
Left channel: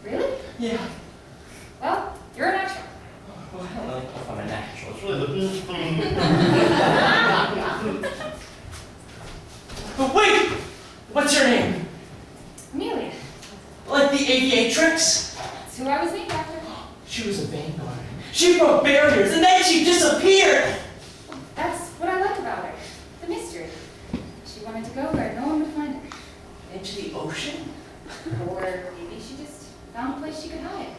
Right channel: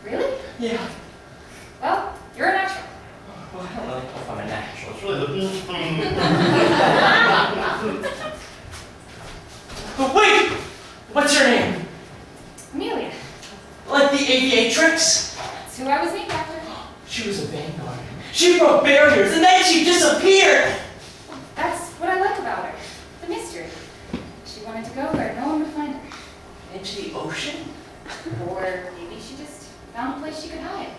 Really? Yeah. Well, you're a natural. Well, I don't know if I'm a natural. It's really the But wait! What's your name? Amelia. Like the aviatrix? That's who I was named after. She was a vanguard. She broke barriers and then she disappeared! That's what I like about her. The mystery. She wanted to go where no one would find her. Into the ocean? Or maybe she just found a place she could hide.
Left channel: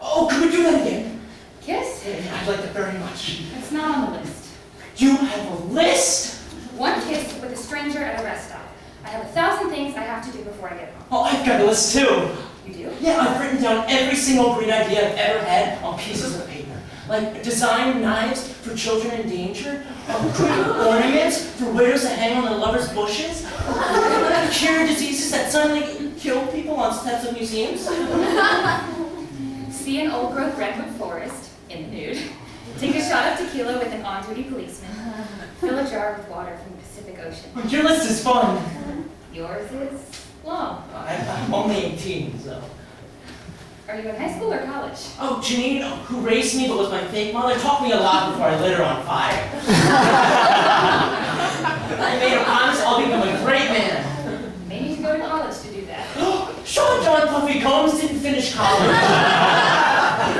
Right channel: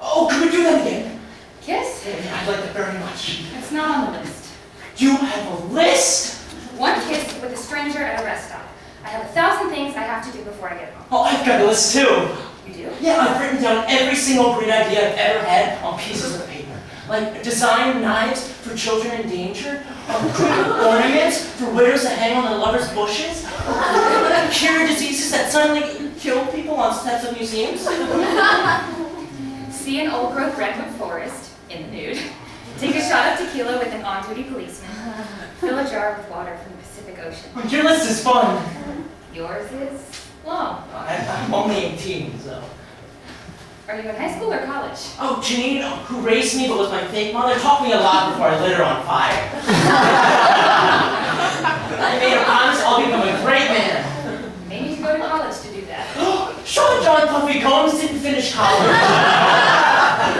Oh, could we do that again? Kiss? Yeah, I'd like that very much. It's not on the list. You have a list? One kiss with a stranger at a rest stop. I have 1,000 things I have to do before I get home. Oh, I've got a list too. You do? Yeah, I've written down every single great idea I've ever had on pieces of paper. Like design knives for children in danger, create ornaments for widows that hang on their lovers' bushes, cure diseases that suddenly kill people on steps of museums. See an old-growth redwood forest in the nude. Take a shot of tequila with an on-duty policeman. Fill a jar with water from the Pacific Ocean. Your list is fun. Yours is long. I'm only 18, so. Are you in high school or college? Oh, Janine, who raised me but was my fake mother, taught me a lot before I lit her on fire. I made a promise I'll become a great man. Maybe you should go to college to do that. Sean John Puffy Combs didn't finish college.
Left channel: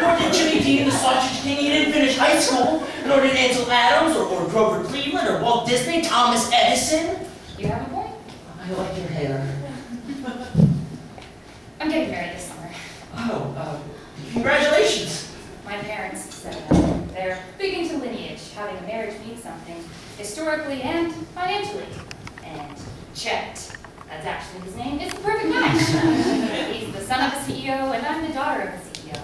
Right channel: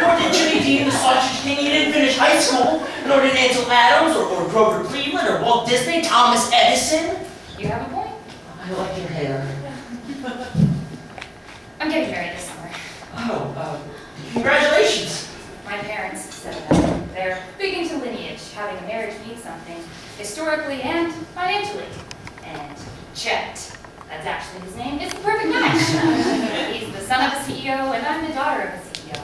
Nor did Jimmy Dean the Sausage King. He didn't finish high school. Nor did Ansel Adams or Grover Cleveland or Walt Disney, Thomas Edison. You have a point. I like your hair. I'm getting married this summer. Oh, congratulations. metaphorically and financially. And Chet, that's actually his name, is the perfect match. He's the son of a CEO, and I'm the daughter of a CEO.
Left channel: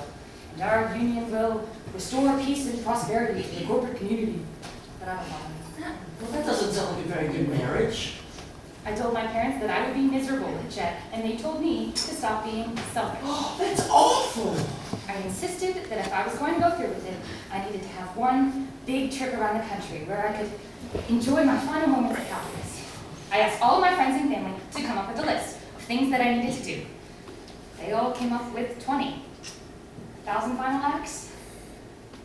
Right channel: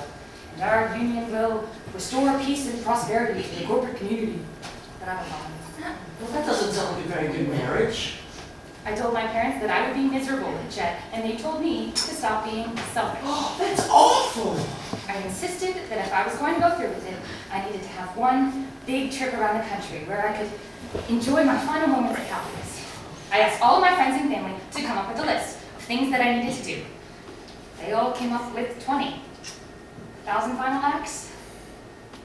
And our union will restore peace and prosperity to the corporate community. But I'm alone. Well, that doesn't sound like a very good marriage. I told my parents that I would be miserable with Chet, and they told me to stop being selfish. Oh, that's awful. I insisted that if I was going to go through with it, I needed to have one big trip around the country where I could enjoy my final moments of happiness. I asked all of my friends and family to come up with a list of things that I needed to do. They all came up with 20. 1,000 final acts?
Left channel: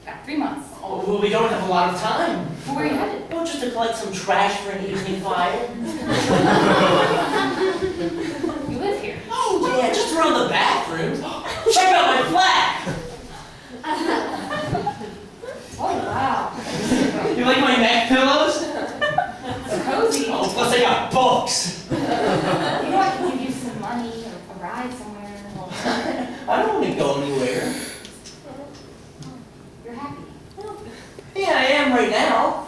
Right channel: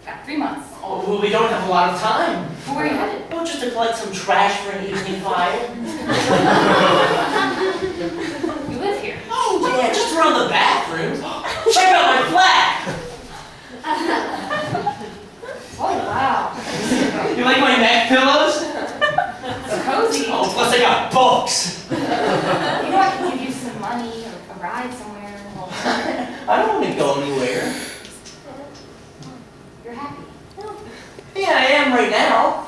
Got 3 months. Oh, well, we don't have a lot of time. Where are you headed? Well, just to collect some trash for an evening fire. You live here. Oh, yeah, just around the bathrooms. Check out my flat. Oh, wow. You like my neck pillows? It's cozy. Oh, plus I got books. You know I can give you some money or a ride somewhere. I don't want to go anywhere. You're happy. Yeah, I am right now.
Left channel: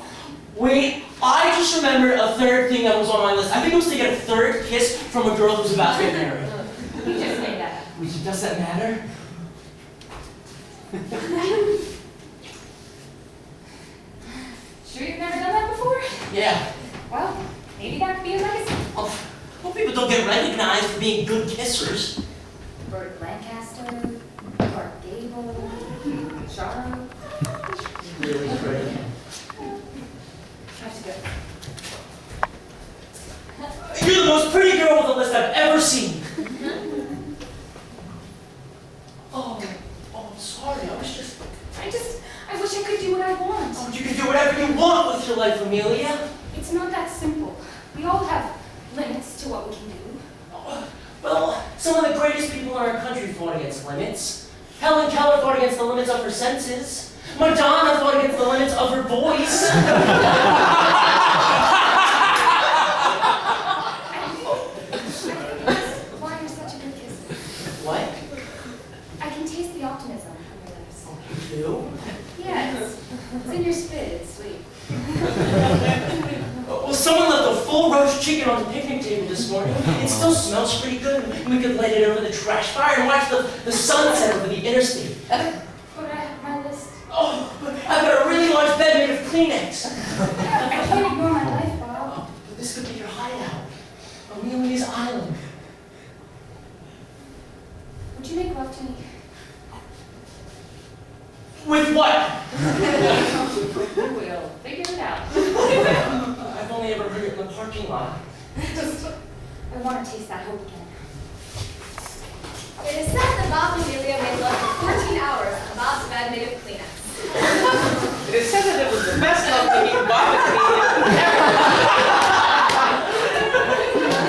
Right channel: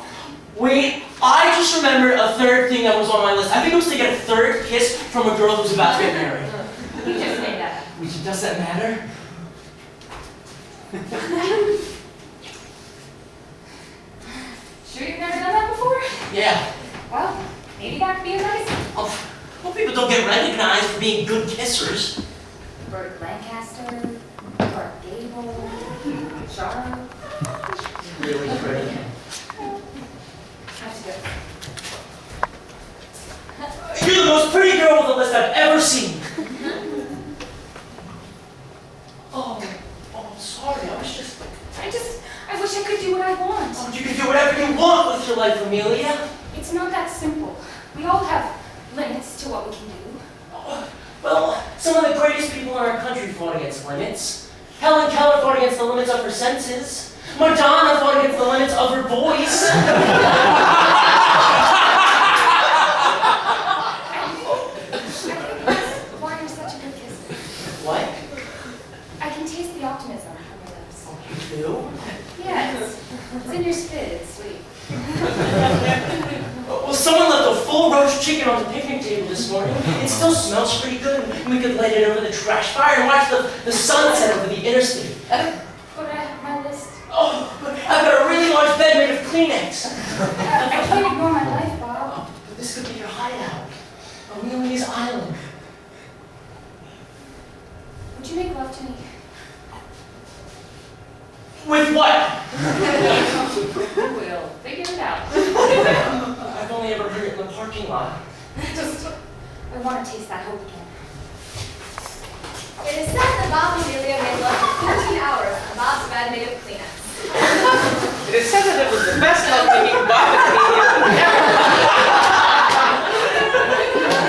Wait, I just remembered a third thing that was on my list. I think it was to get a third kiss from a girl who's about to get married. You just made that up. Does that matter? Sure you've never done that before? Yeah. Well, maybe that could be a legacy. Well, people don't get recognized for being good kissers. Burt Lancaster, Clark Gable, Charo. Really pretty. Have to go. You're the most pretty girl on the list I've ever seen. Oh, sorry. I wish I could do what I want. Oh, you can do whatever you want with your life, Amelia. It's not that simple. We all have limits to what we can do. Oh, well, some of the greatest people in our country fought against limits. Helen Keller fought against the limits of her senses. Madonna fought against the limits of her voice. Why you're such a good kisser. What? I can taste the optimism on your lips. Oh, you do? Yes. It's in your spit. It's sweet. Well, someone left a full roast chicken on the picnic table this morning. It still smells pretty good, and we could light it over the trash fire and watch the sunset over the interstate. But I have my list. Oh, but I've got a really large bed made of Kleenex. I can't ignore my life, Bob. Oh, but this could be your hideout. Amelia's Island. Would you make love to me? With what? We'll figure it out. I've only ever heard it in the parking lot. I want to taste that hope again. It is said that Bob and Amelia made love for 14 hours on Bob's bed made of Kleenex. It is said that it was the best love making Bob and Amelia ever.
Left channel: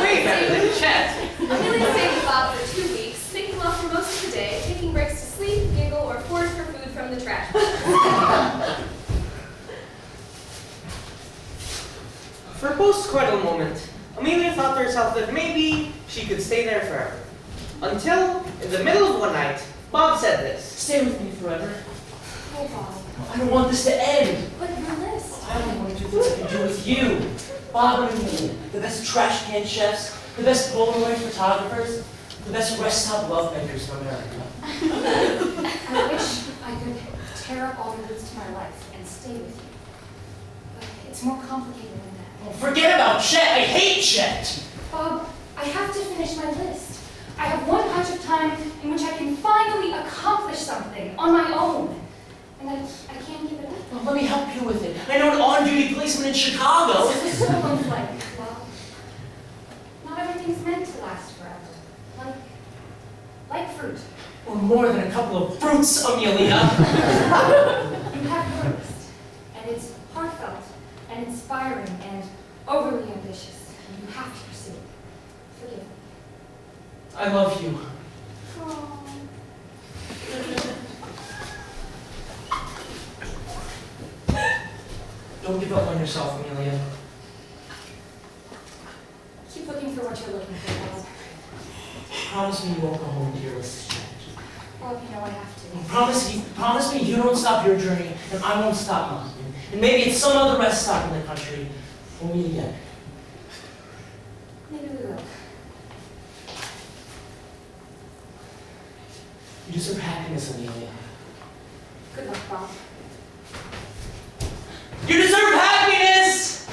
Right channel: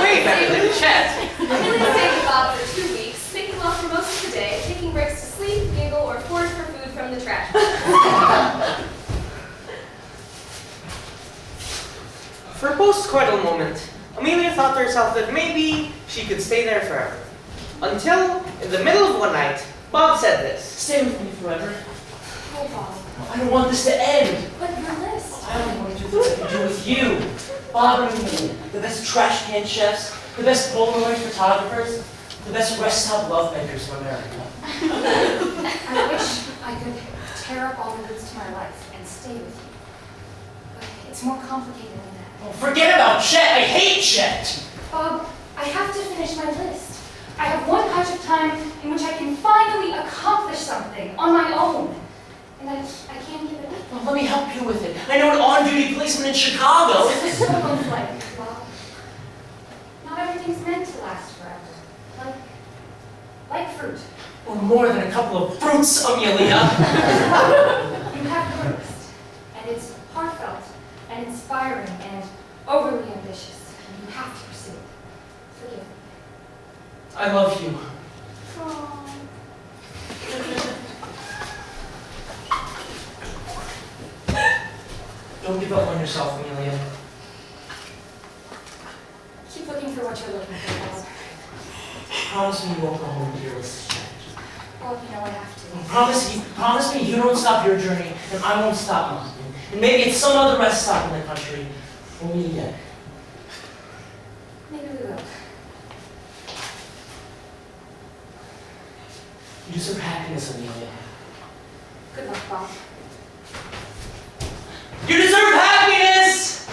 Wait a minute, Chet. Amelia stayed with Bob for 2 weeks, making love for most of the day, taking breaks to sleep, giggle, or forage for food from the trash. For a post-coital moment, Amelia thought to herself that maybe she could stay there forever. Until, in the middle of one night, Bob said this. Stay with me forever. Oh, Bob. I don't want this to end. But your list. I only want to do things I can do with you. Bob and Amelia, the best trash can chefs, the best Polaroid photographers, the best rest stop love makers in America. I wish I could tear up all the roots to my life and stay with you. But it's more complicated than that. Oh, forget about Chet. I hate Chet. Bob, I have to finish my list. I have one patch of time in which I can finally accomplish something on my own. And I can't give it up. Well, let me help you with it. I know an on-duty policeman in Chicago. This is so unlike, Bob. Not everything's meant to last forever. Like fruit. Or more than a couple of fruits, Amelia. You have your list, and it's heartfelt and inspiring and overly ambitious, and you have to pursue it. Forgive me. I love you. Aww. Don't give up on yourself, Amelia. Keep looking for what you're looking for, Bob. Promise me you won't go home to your list. Well, you know I have to. Promise me you don't stop your journey, and I won't stop mine. And maybe it's some other rest stop in the country. We'll meet again. Maybe we will. You deserve happiness, Amelia. Good luck, Bob. You deserve happiness!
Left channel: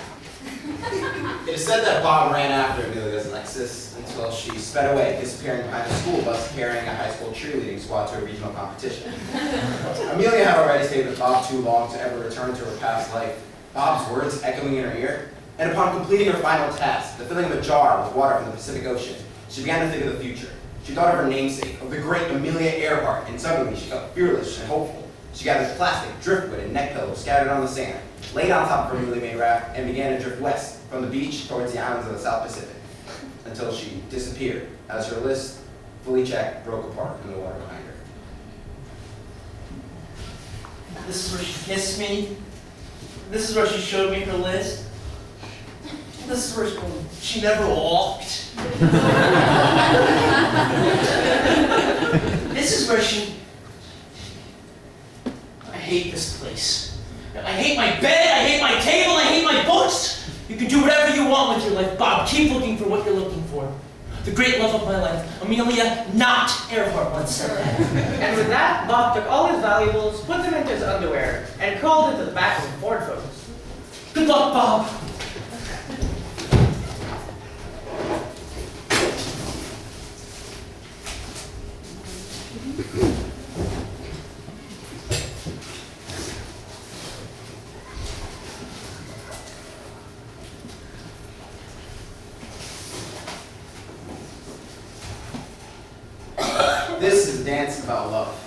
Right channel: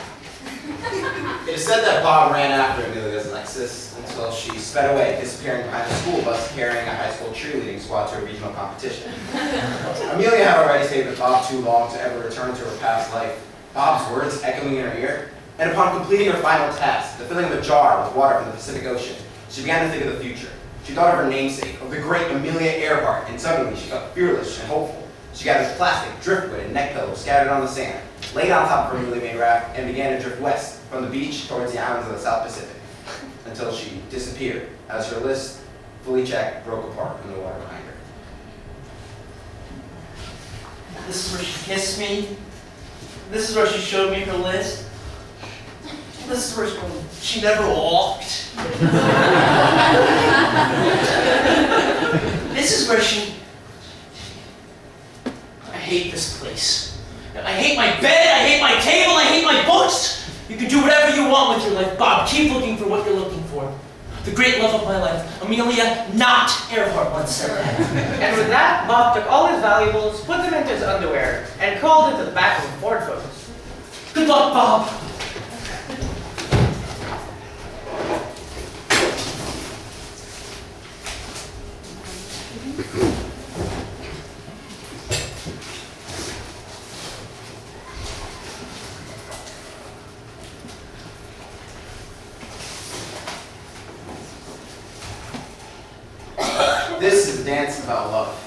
It is said that Bob ran after Amelia's Lexus until she sped away, disappearing behind a school bus carrying a high school cheerleading squad to a regional competition. Amelia had already stayed with Bob too long to ever return to her past life, Bob's words echoing in her ear. And upon completing her final task, the filling of a jar with water from the Pacific Ocean, she began to think of the future. She thought of her namesake, of the great Amelia Earhart, and suddenly she felt fearless and hopeful. She gathered plastic, driftwood, and neck pillows scattered on the sand, laid on top of her newly made raft, and began to drift west from the beach towards the islands of the South Pacific, until she disappeared as her list, fully checked, broke apart in the water behind her. This is where she kissed me. This is where she showed me her list. This is where she never walked. This is where she... I hate this place. I hate my bed, I hate my table, I hate my books. You can do whatever you want with your life, Bob. Keep looking for what you're looking for. The great love of my life, Amelia, not Earhart, once said that. And with that, Bob took all his valuables, put them into his underwear, and crawled into the back of a Ford Focus. Good luck, Bob. This is a dance about love.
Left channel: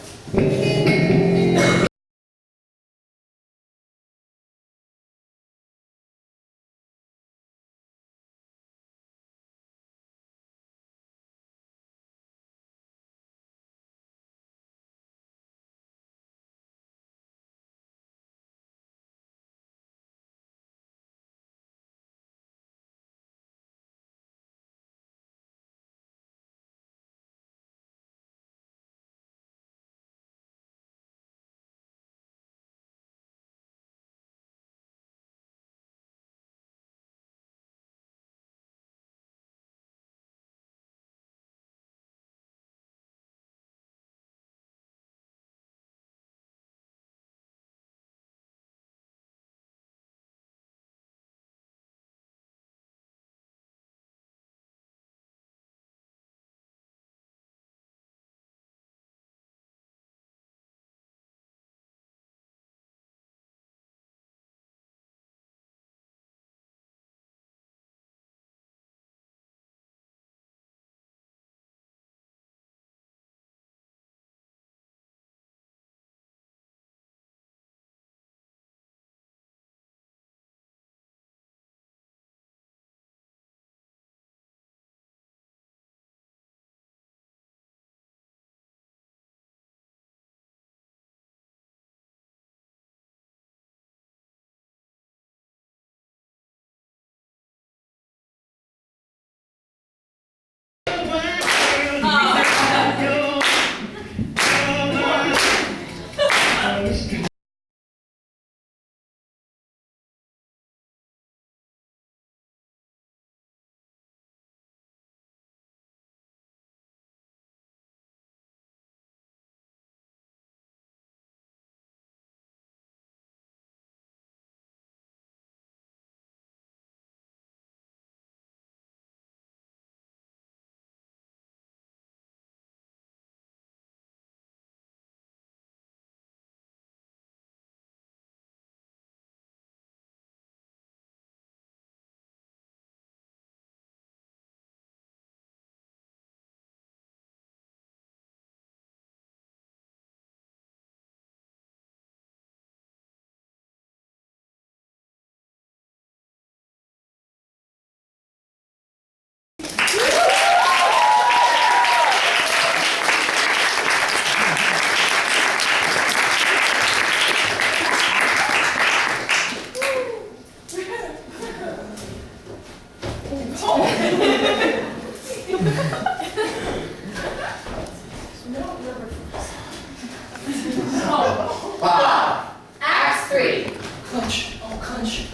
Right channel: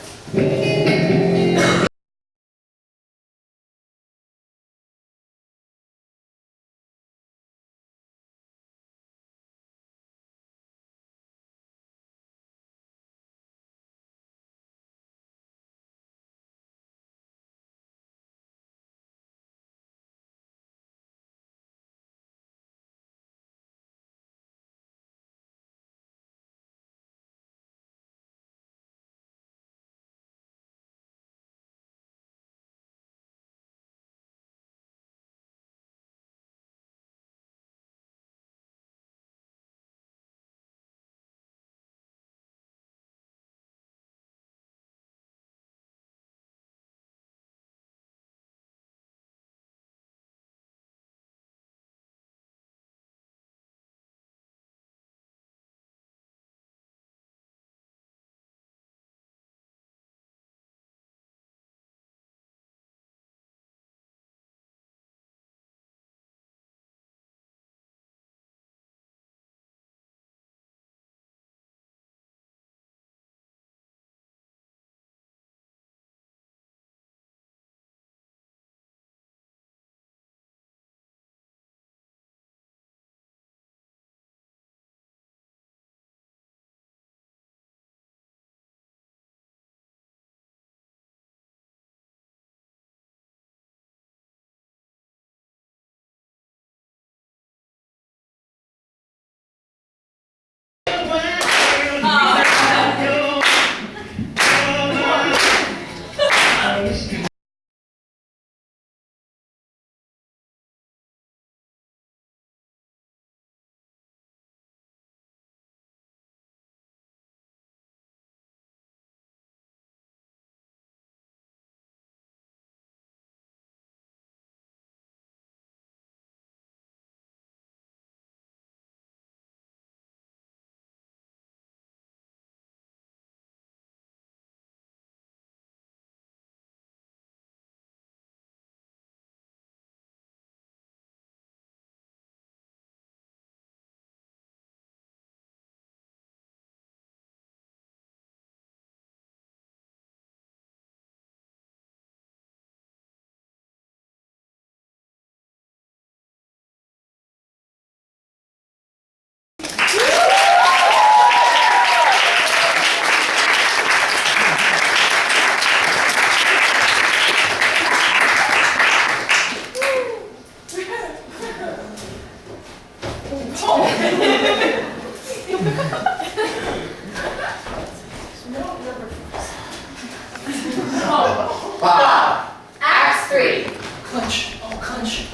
Bob! Acts 3. Clench. Oh, clench.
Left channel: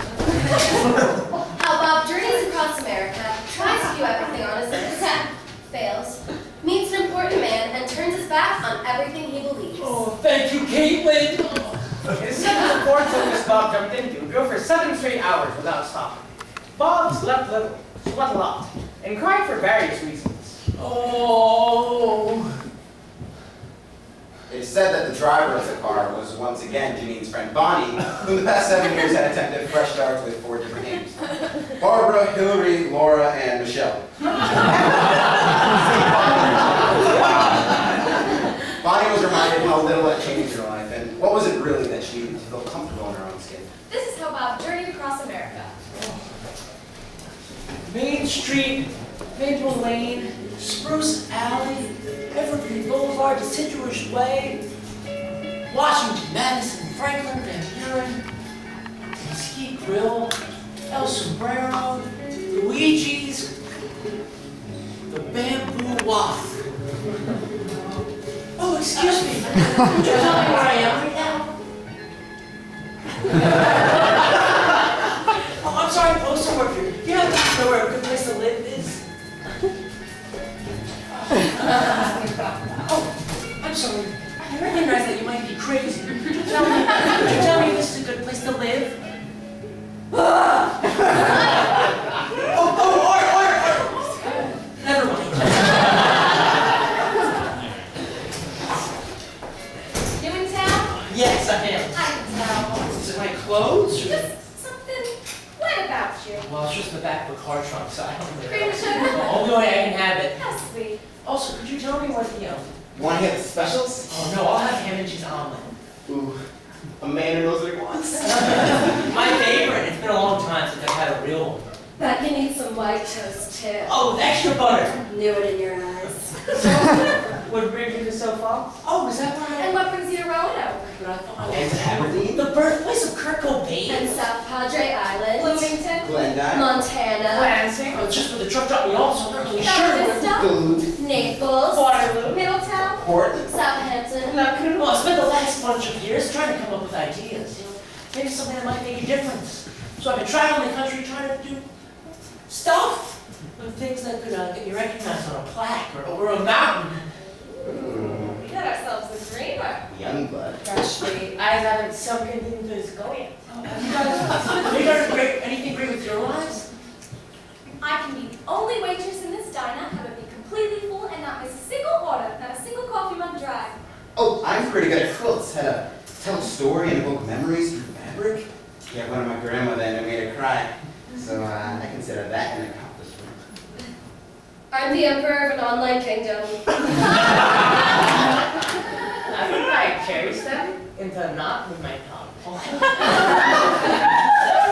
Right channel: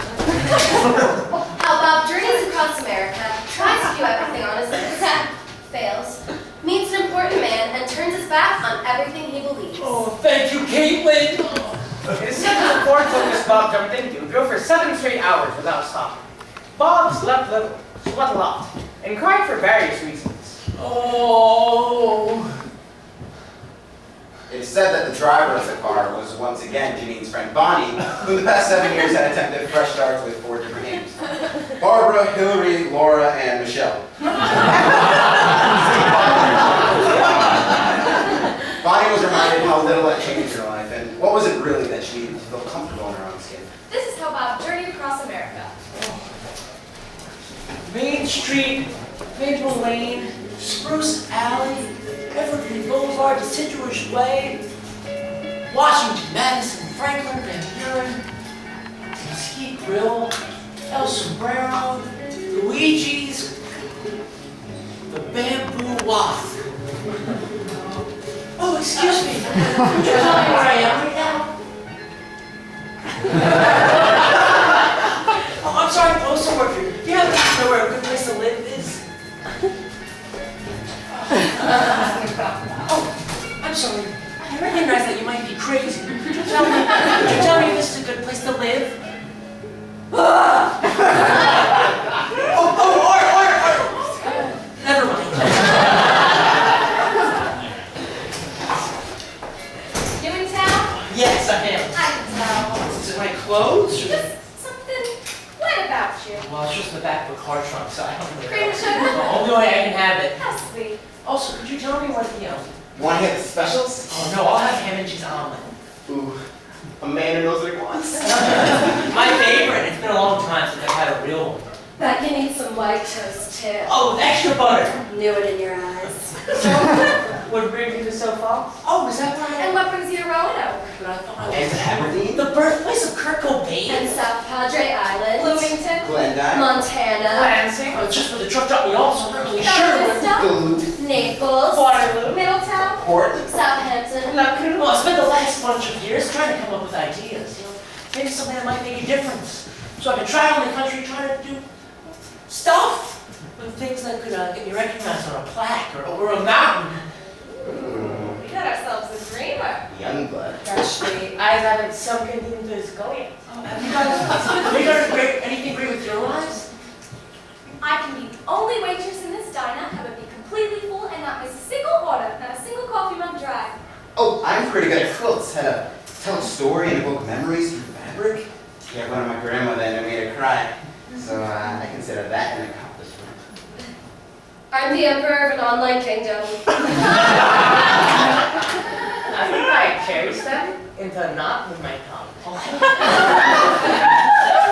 Ford Focus Bob jumped into drove for 7 straight hours without stopping. Bob slept little, sweat a lot, and cried for various reasons. Oh. It is said that the driver of the car was once again Janine's friend Bonnie, who in the past 7 years had attempted fresh starts with 4 different names. Barbara, Hillary, Laura, and Michelle. Bonnie was reminded how little had changed in her life, and what was it really that she needed to feel comfortable in her own skin. This is how Bob journeyed across America. Main Street, Maple Lane, Spruce Alley, Evergreen Boulevard, Deciduous Way, Washington, Madison, Franklin, Van Buren, Mesquite Grill, El Sombrero, Luigi's, the Bamboo Walk. Oh, excuse me. Could you tell me where I am right now? Oh, I'm sorry, postal worker. Do you happen to know where a good place to live is? Oh, I'm sorry. I recognize that you might be crazy. Could you tell me if this is a good place to live? Or. Never mind. New in town? Yes, I am. I can tell. Is it my clothes? Or... Just something light about you. Well, it's just in the back of a car trunk, so I don't really Cream know. sugar? The only way I can have it. How sweet. Also, could you tell me what the, Want to hit the specials? Oh no, I'll have ham and cheese omelet. Ooh, a man who knows what he wants. My favorite. It's been a long time since I've had a real one. Bet you need some white toast too. Oh, with extra butter. Knew it in your eyes. What brings you to Sioux Falls? Oh, is that where I And am? what brings you to Roanoke? But I thought I And was Aberdeen? the birthplace of Kurt Cobain. And South Padre Island. Bloomington? Glendive? Montana. Lansing? Oh, just where the truck dropped me off, so I'm not really sure. Vista? Duluth? Naples. Waterloo? Middletown? Portland? Southampton. Well, I spent the last bunch of years trying to come up with ideas. Maybe something that might make a difference. So I could travel the country trying to do stuff with things that could get me recognized on a plaque or a mountain. We got ourselves a dreamer. Youngblood. Actually, I haven't sunk into his go yet. Have you done anything great with your lives? I can be the only waitress in this diner, have it be completely full, and not miss a single order, not a single coffee mug dry. Oh, I'm pretty good at quilts. How to tell a story and evoke memories through fabric. I had one of my grandmother and it made her cry. So I consider that an accomplishment. I'm the emperor of an online kingdom. I think I cherish them into a knot with my tongue.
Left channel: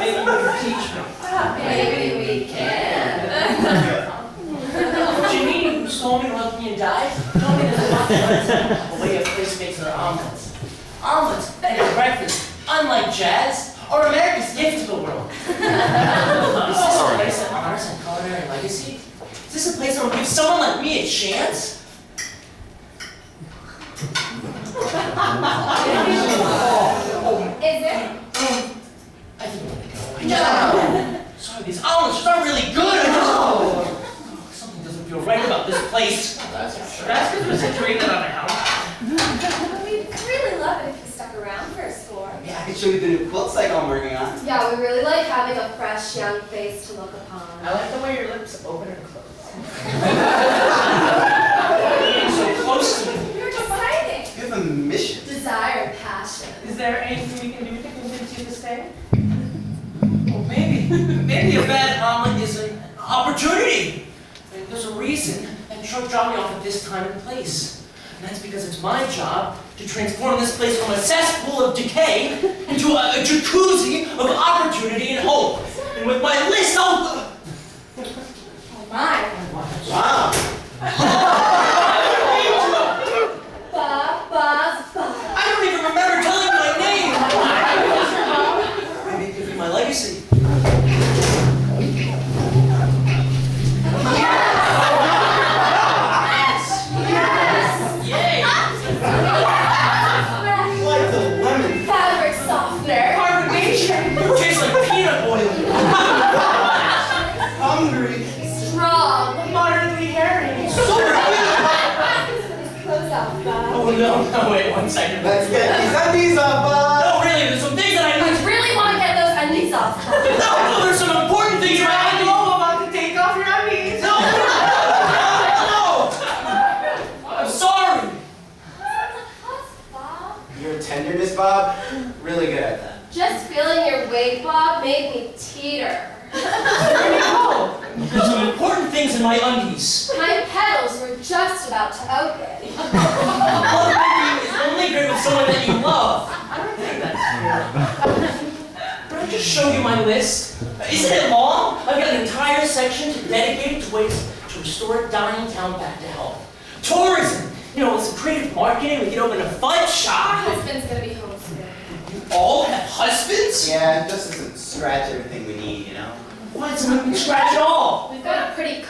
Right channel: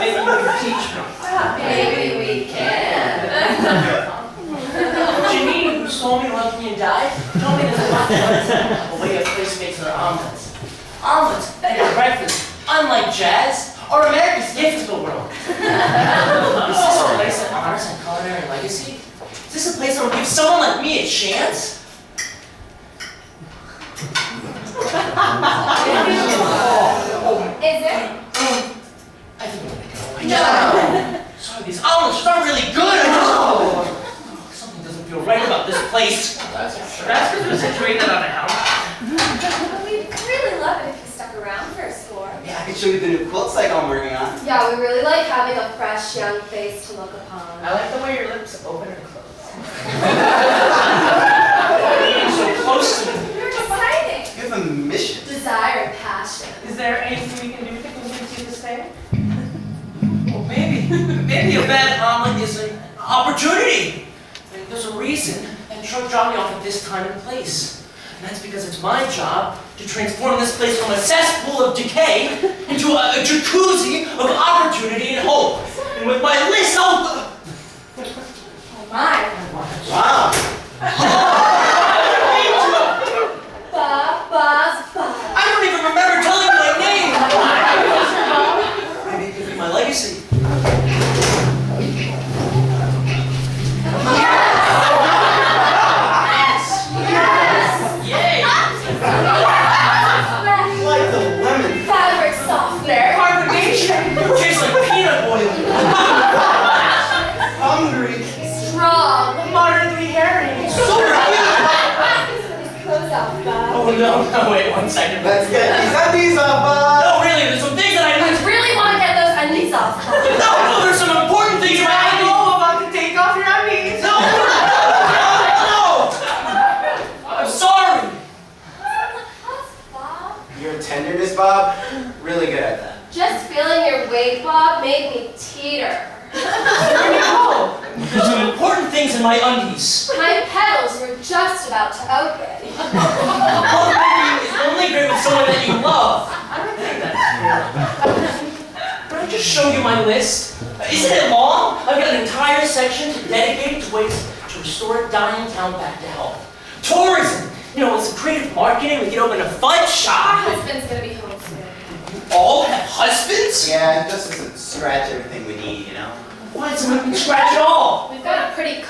Maybe you can teach me. Maybe we can. Janine, who stole me, loved me, and died, told me there's a lot of the way a place makes their omelets. Omelets and breakfast, unlike jazz, are America's gift to the world. Is this a place that honors and culinary legacy? Is this a place that will give someone like me a chance? Is it? I think I'm gonna go. I just sorry, these omelets aren't really good. Something doesn't feel right about this place. That's for sure. That's because we're situated on a house. But we'd really love it if you stuck around for a score. Yeah, I can show you the new quilt cycle I'm working on. Yeah, we really like having a fresh, young face to look upon. I like the way your lips open and close. Being so close to me. You're exciting. You have a mission. Desire and passion. Is there anything we can do to convince you to stay? Well, maybe a bad omelet is an opportunity. I mean, there's a reason that truck dropped me off at this time and place. And that's because it's my job to transform this place from a cesspool of decay into a jacuzzi of opportunity and hope. And with my list, I'll... Oh my. Wow. Ba. I don't even remember telling you my name. Maybe it could be my legacy. Yay! Like the lemon. Fabric softener. Carbonation! Tastes like peanut oil. Hungry. Strong. Moderately hairy. Close off, Bob. Oh no, wait 1 second. Let's get these undies off, No, really, there's some things that I in my undies. My petals were just about to open. Lovemaking is only great with someone that you love. I don't think that's true. Can I just show you my list? Isn't it long? I've got an entire section dedicated to ways to restore a dying town back to health. Tourism! You know, with some creative marketing, we can open a fudge Our shop. husband's gonna be home soon. You all have husbands? Yeah, it just doesn't scratch everything we need, you know? Why doesn't it scratch at all? We've got a pretty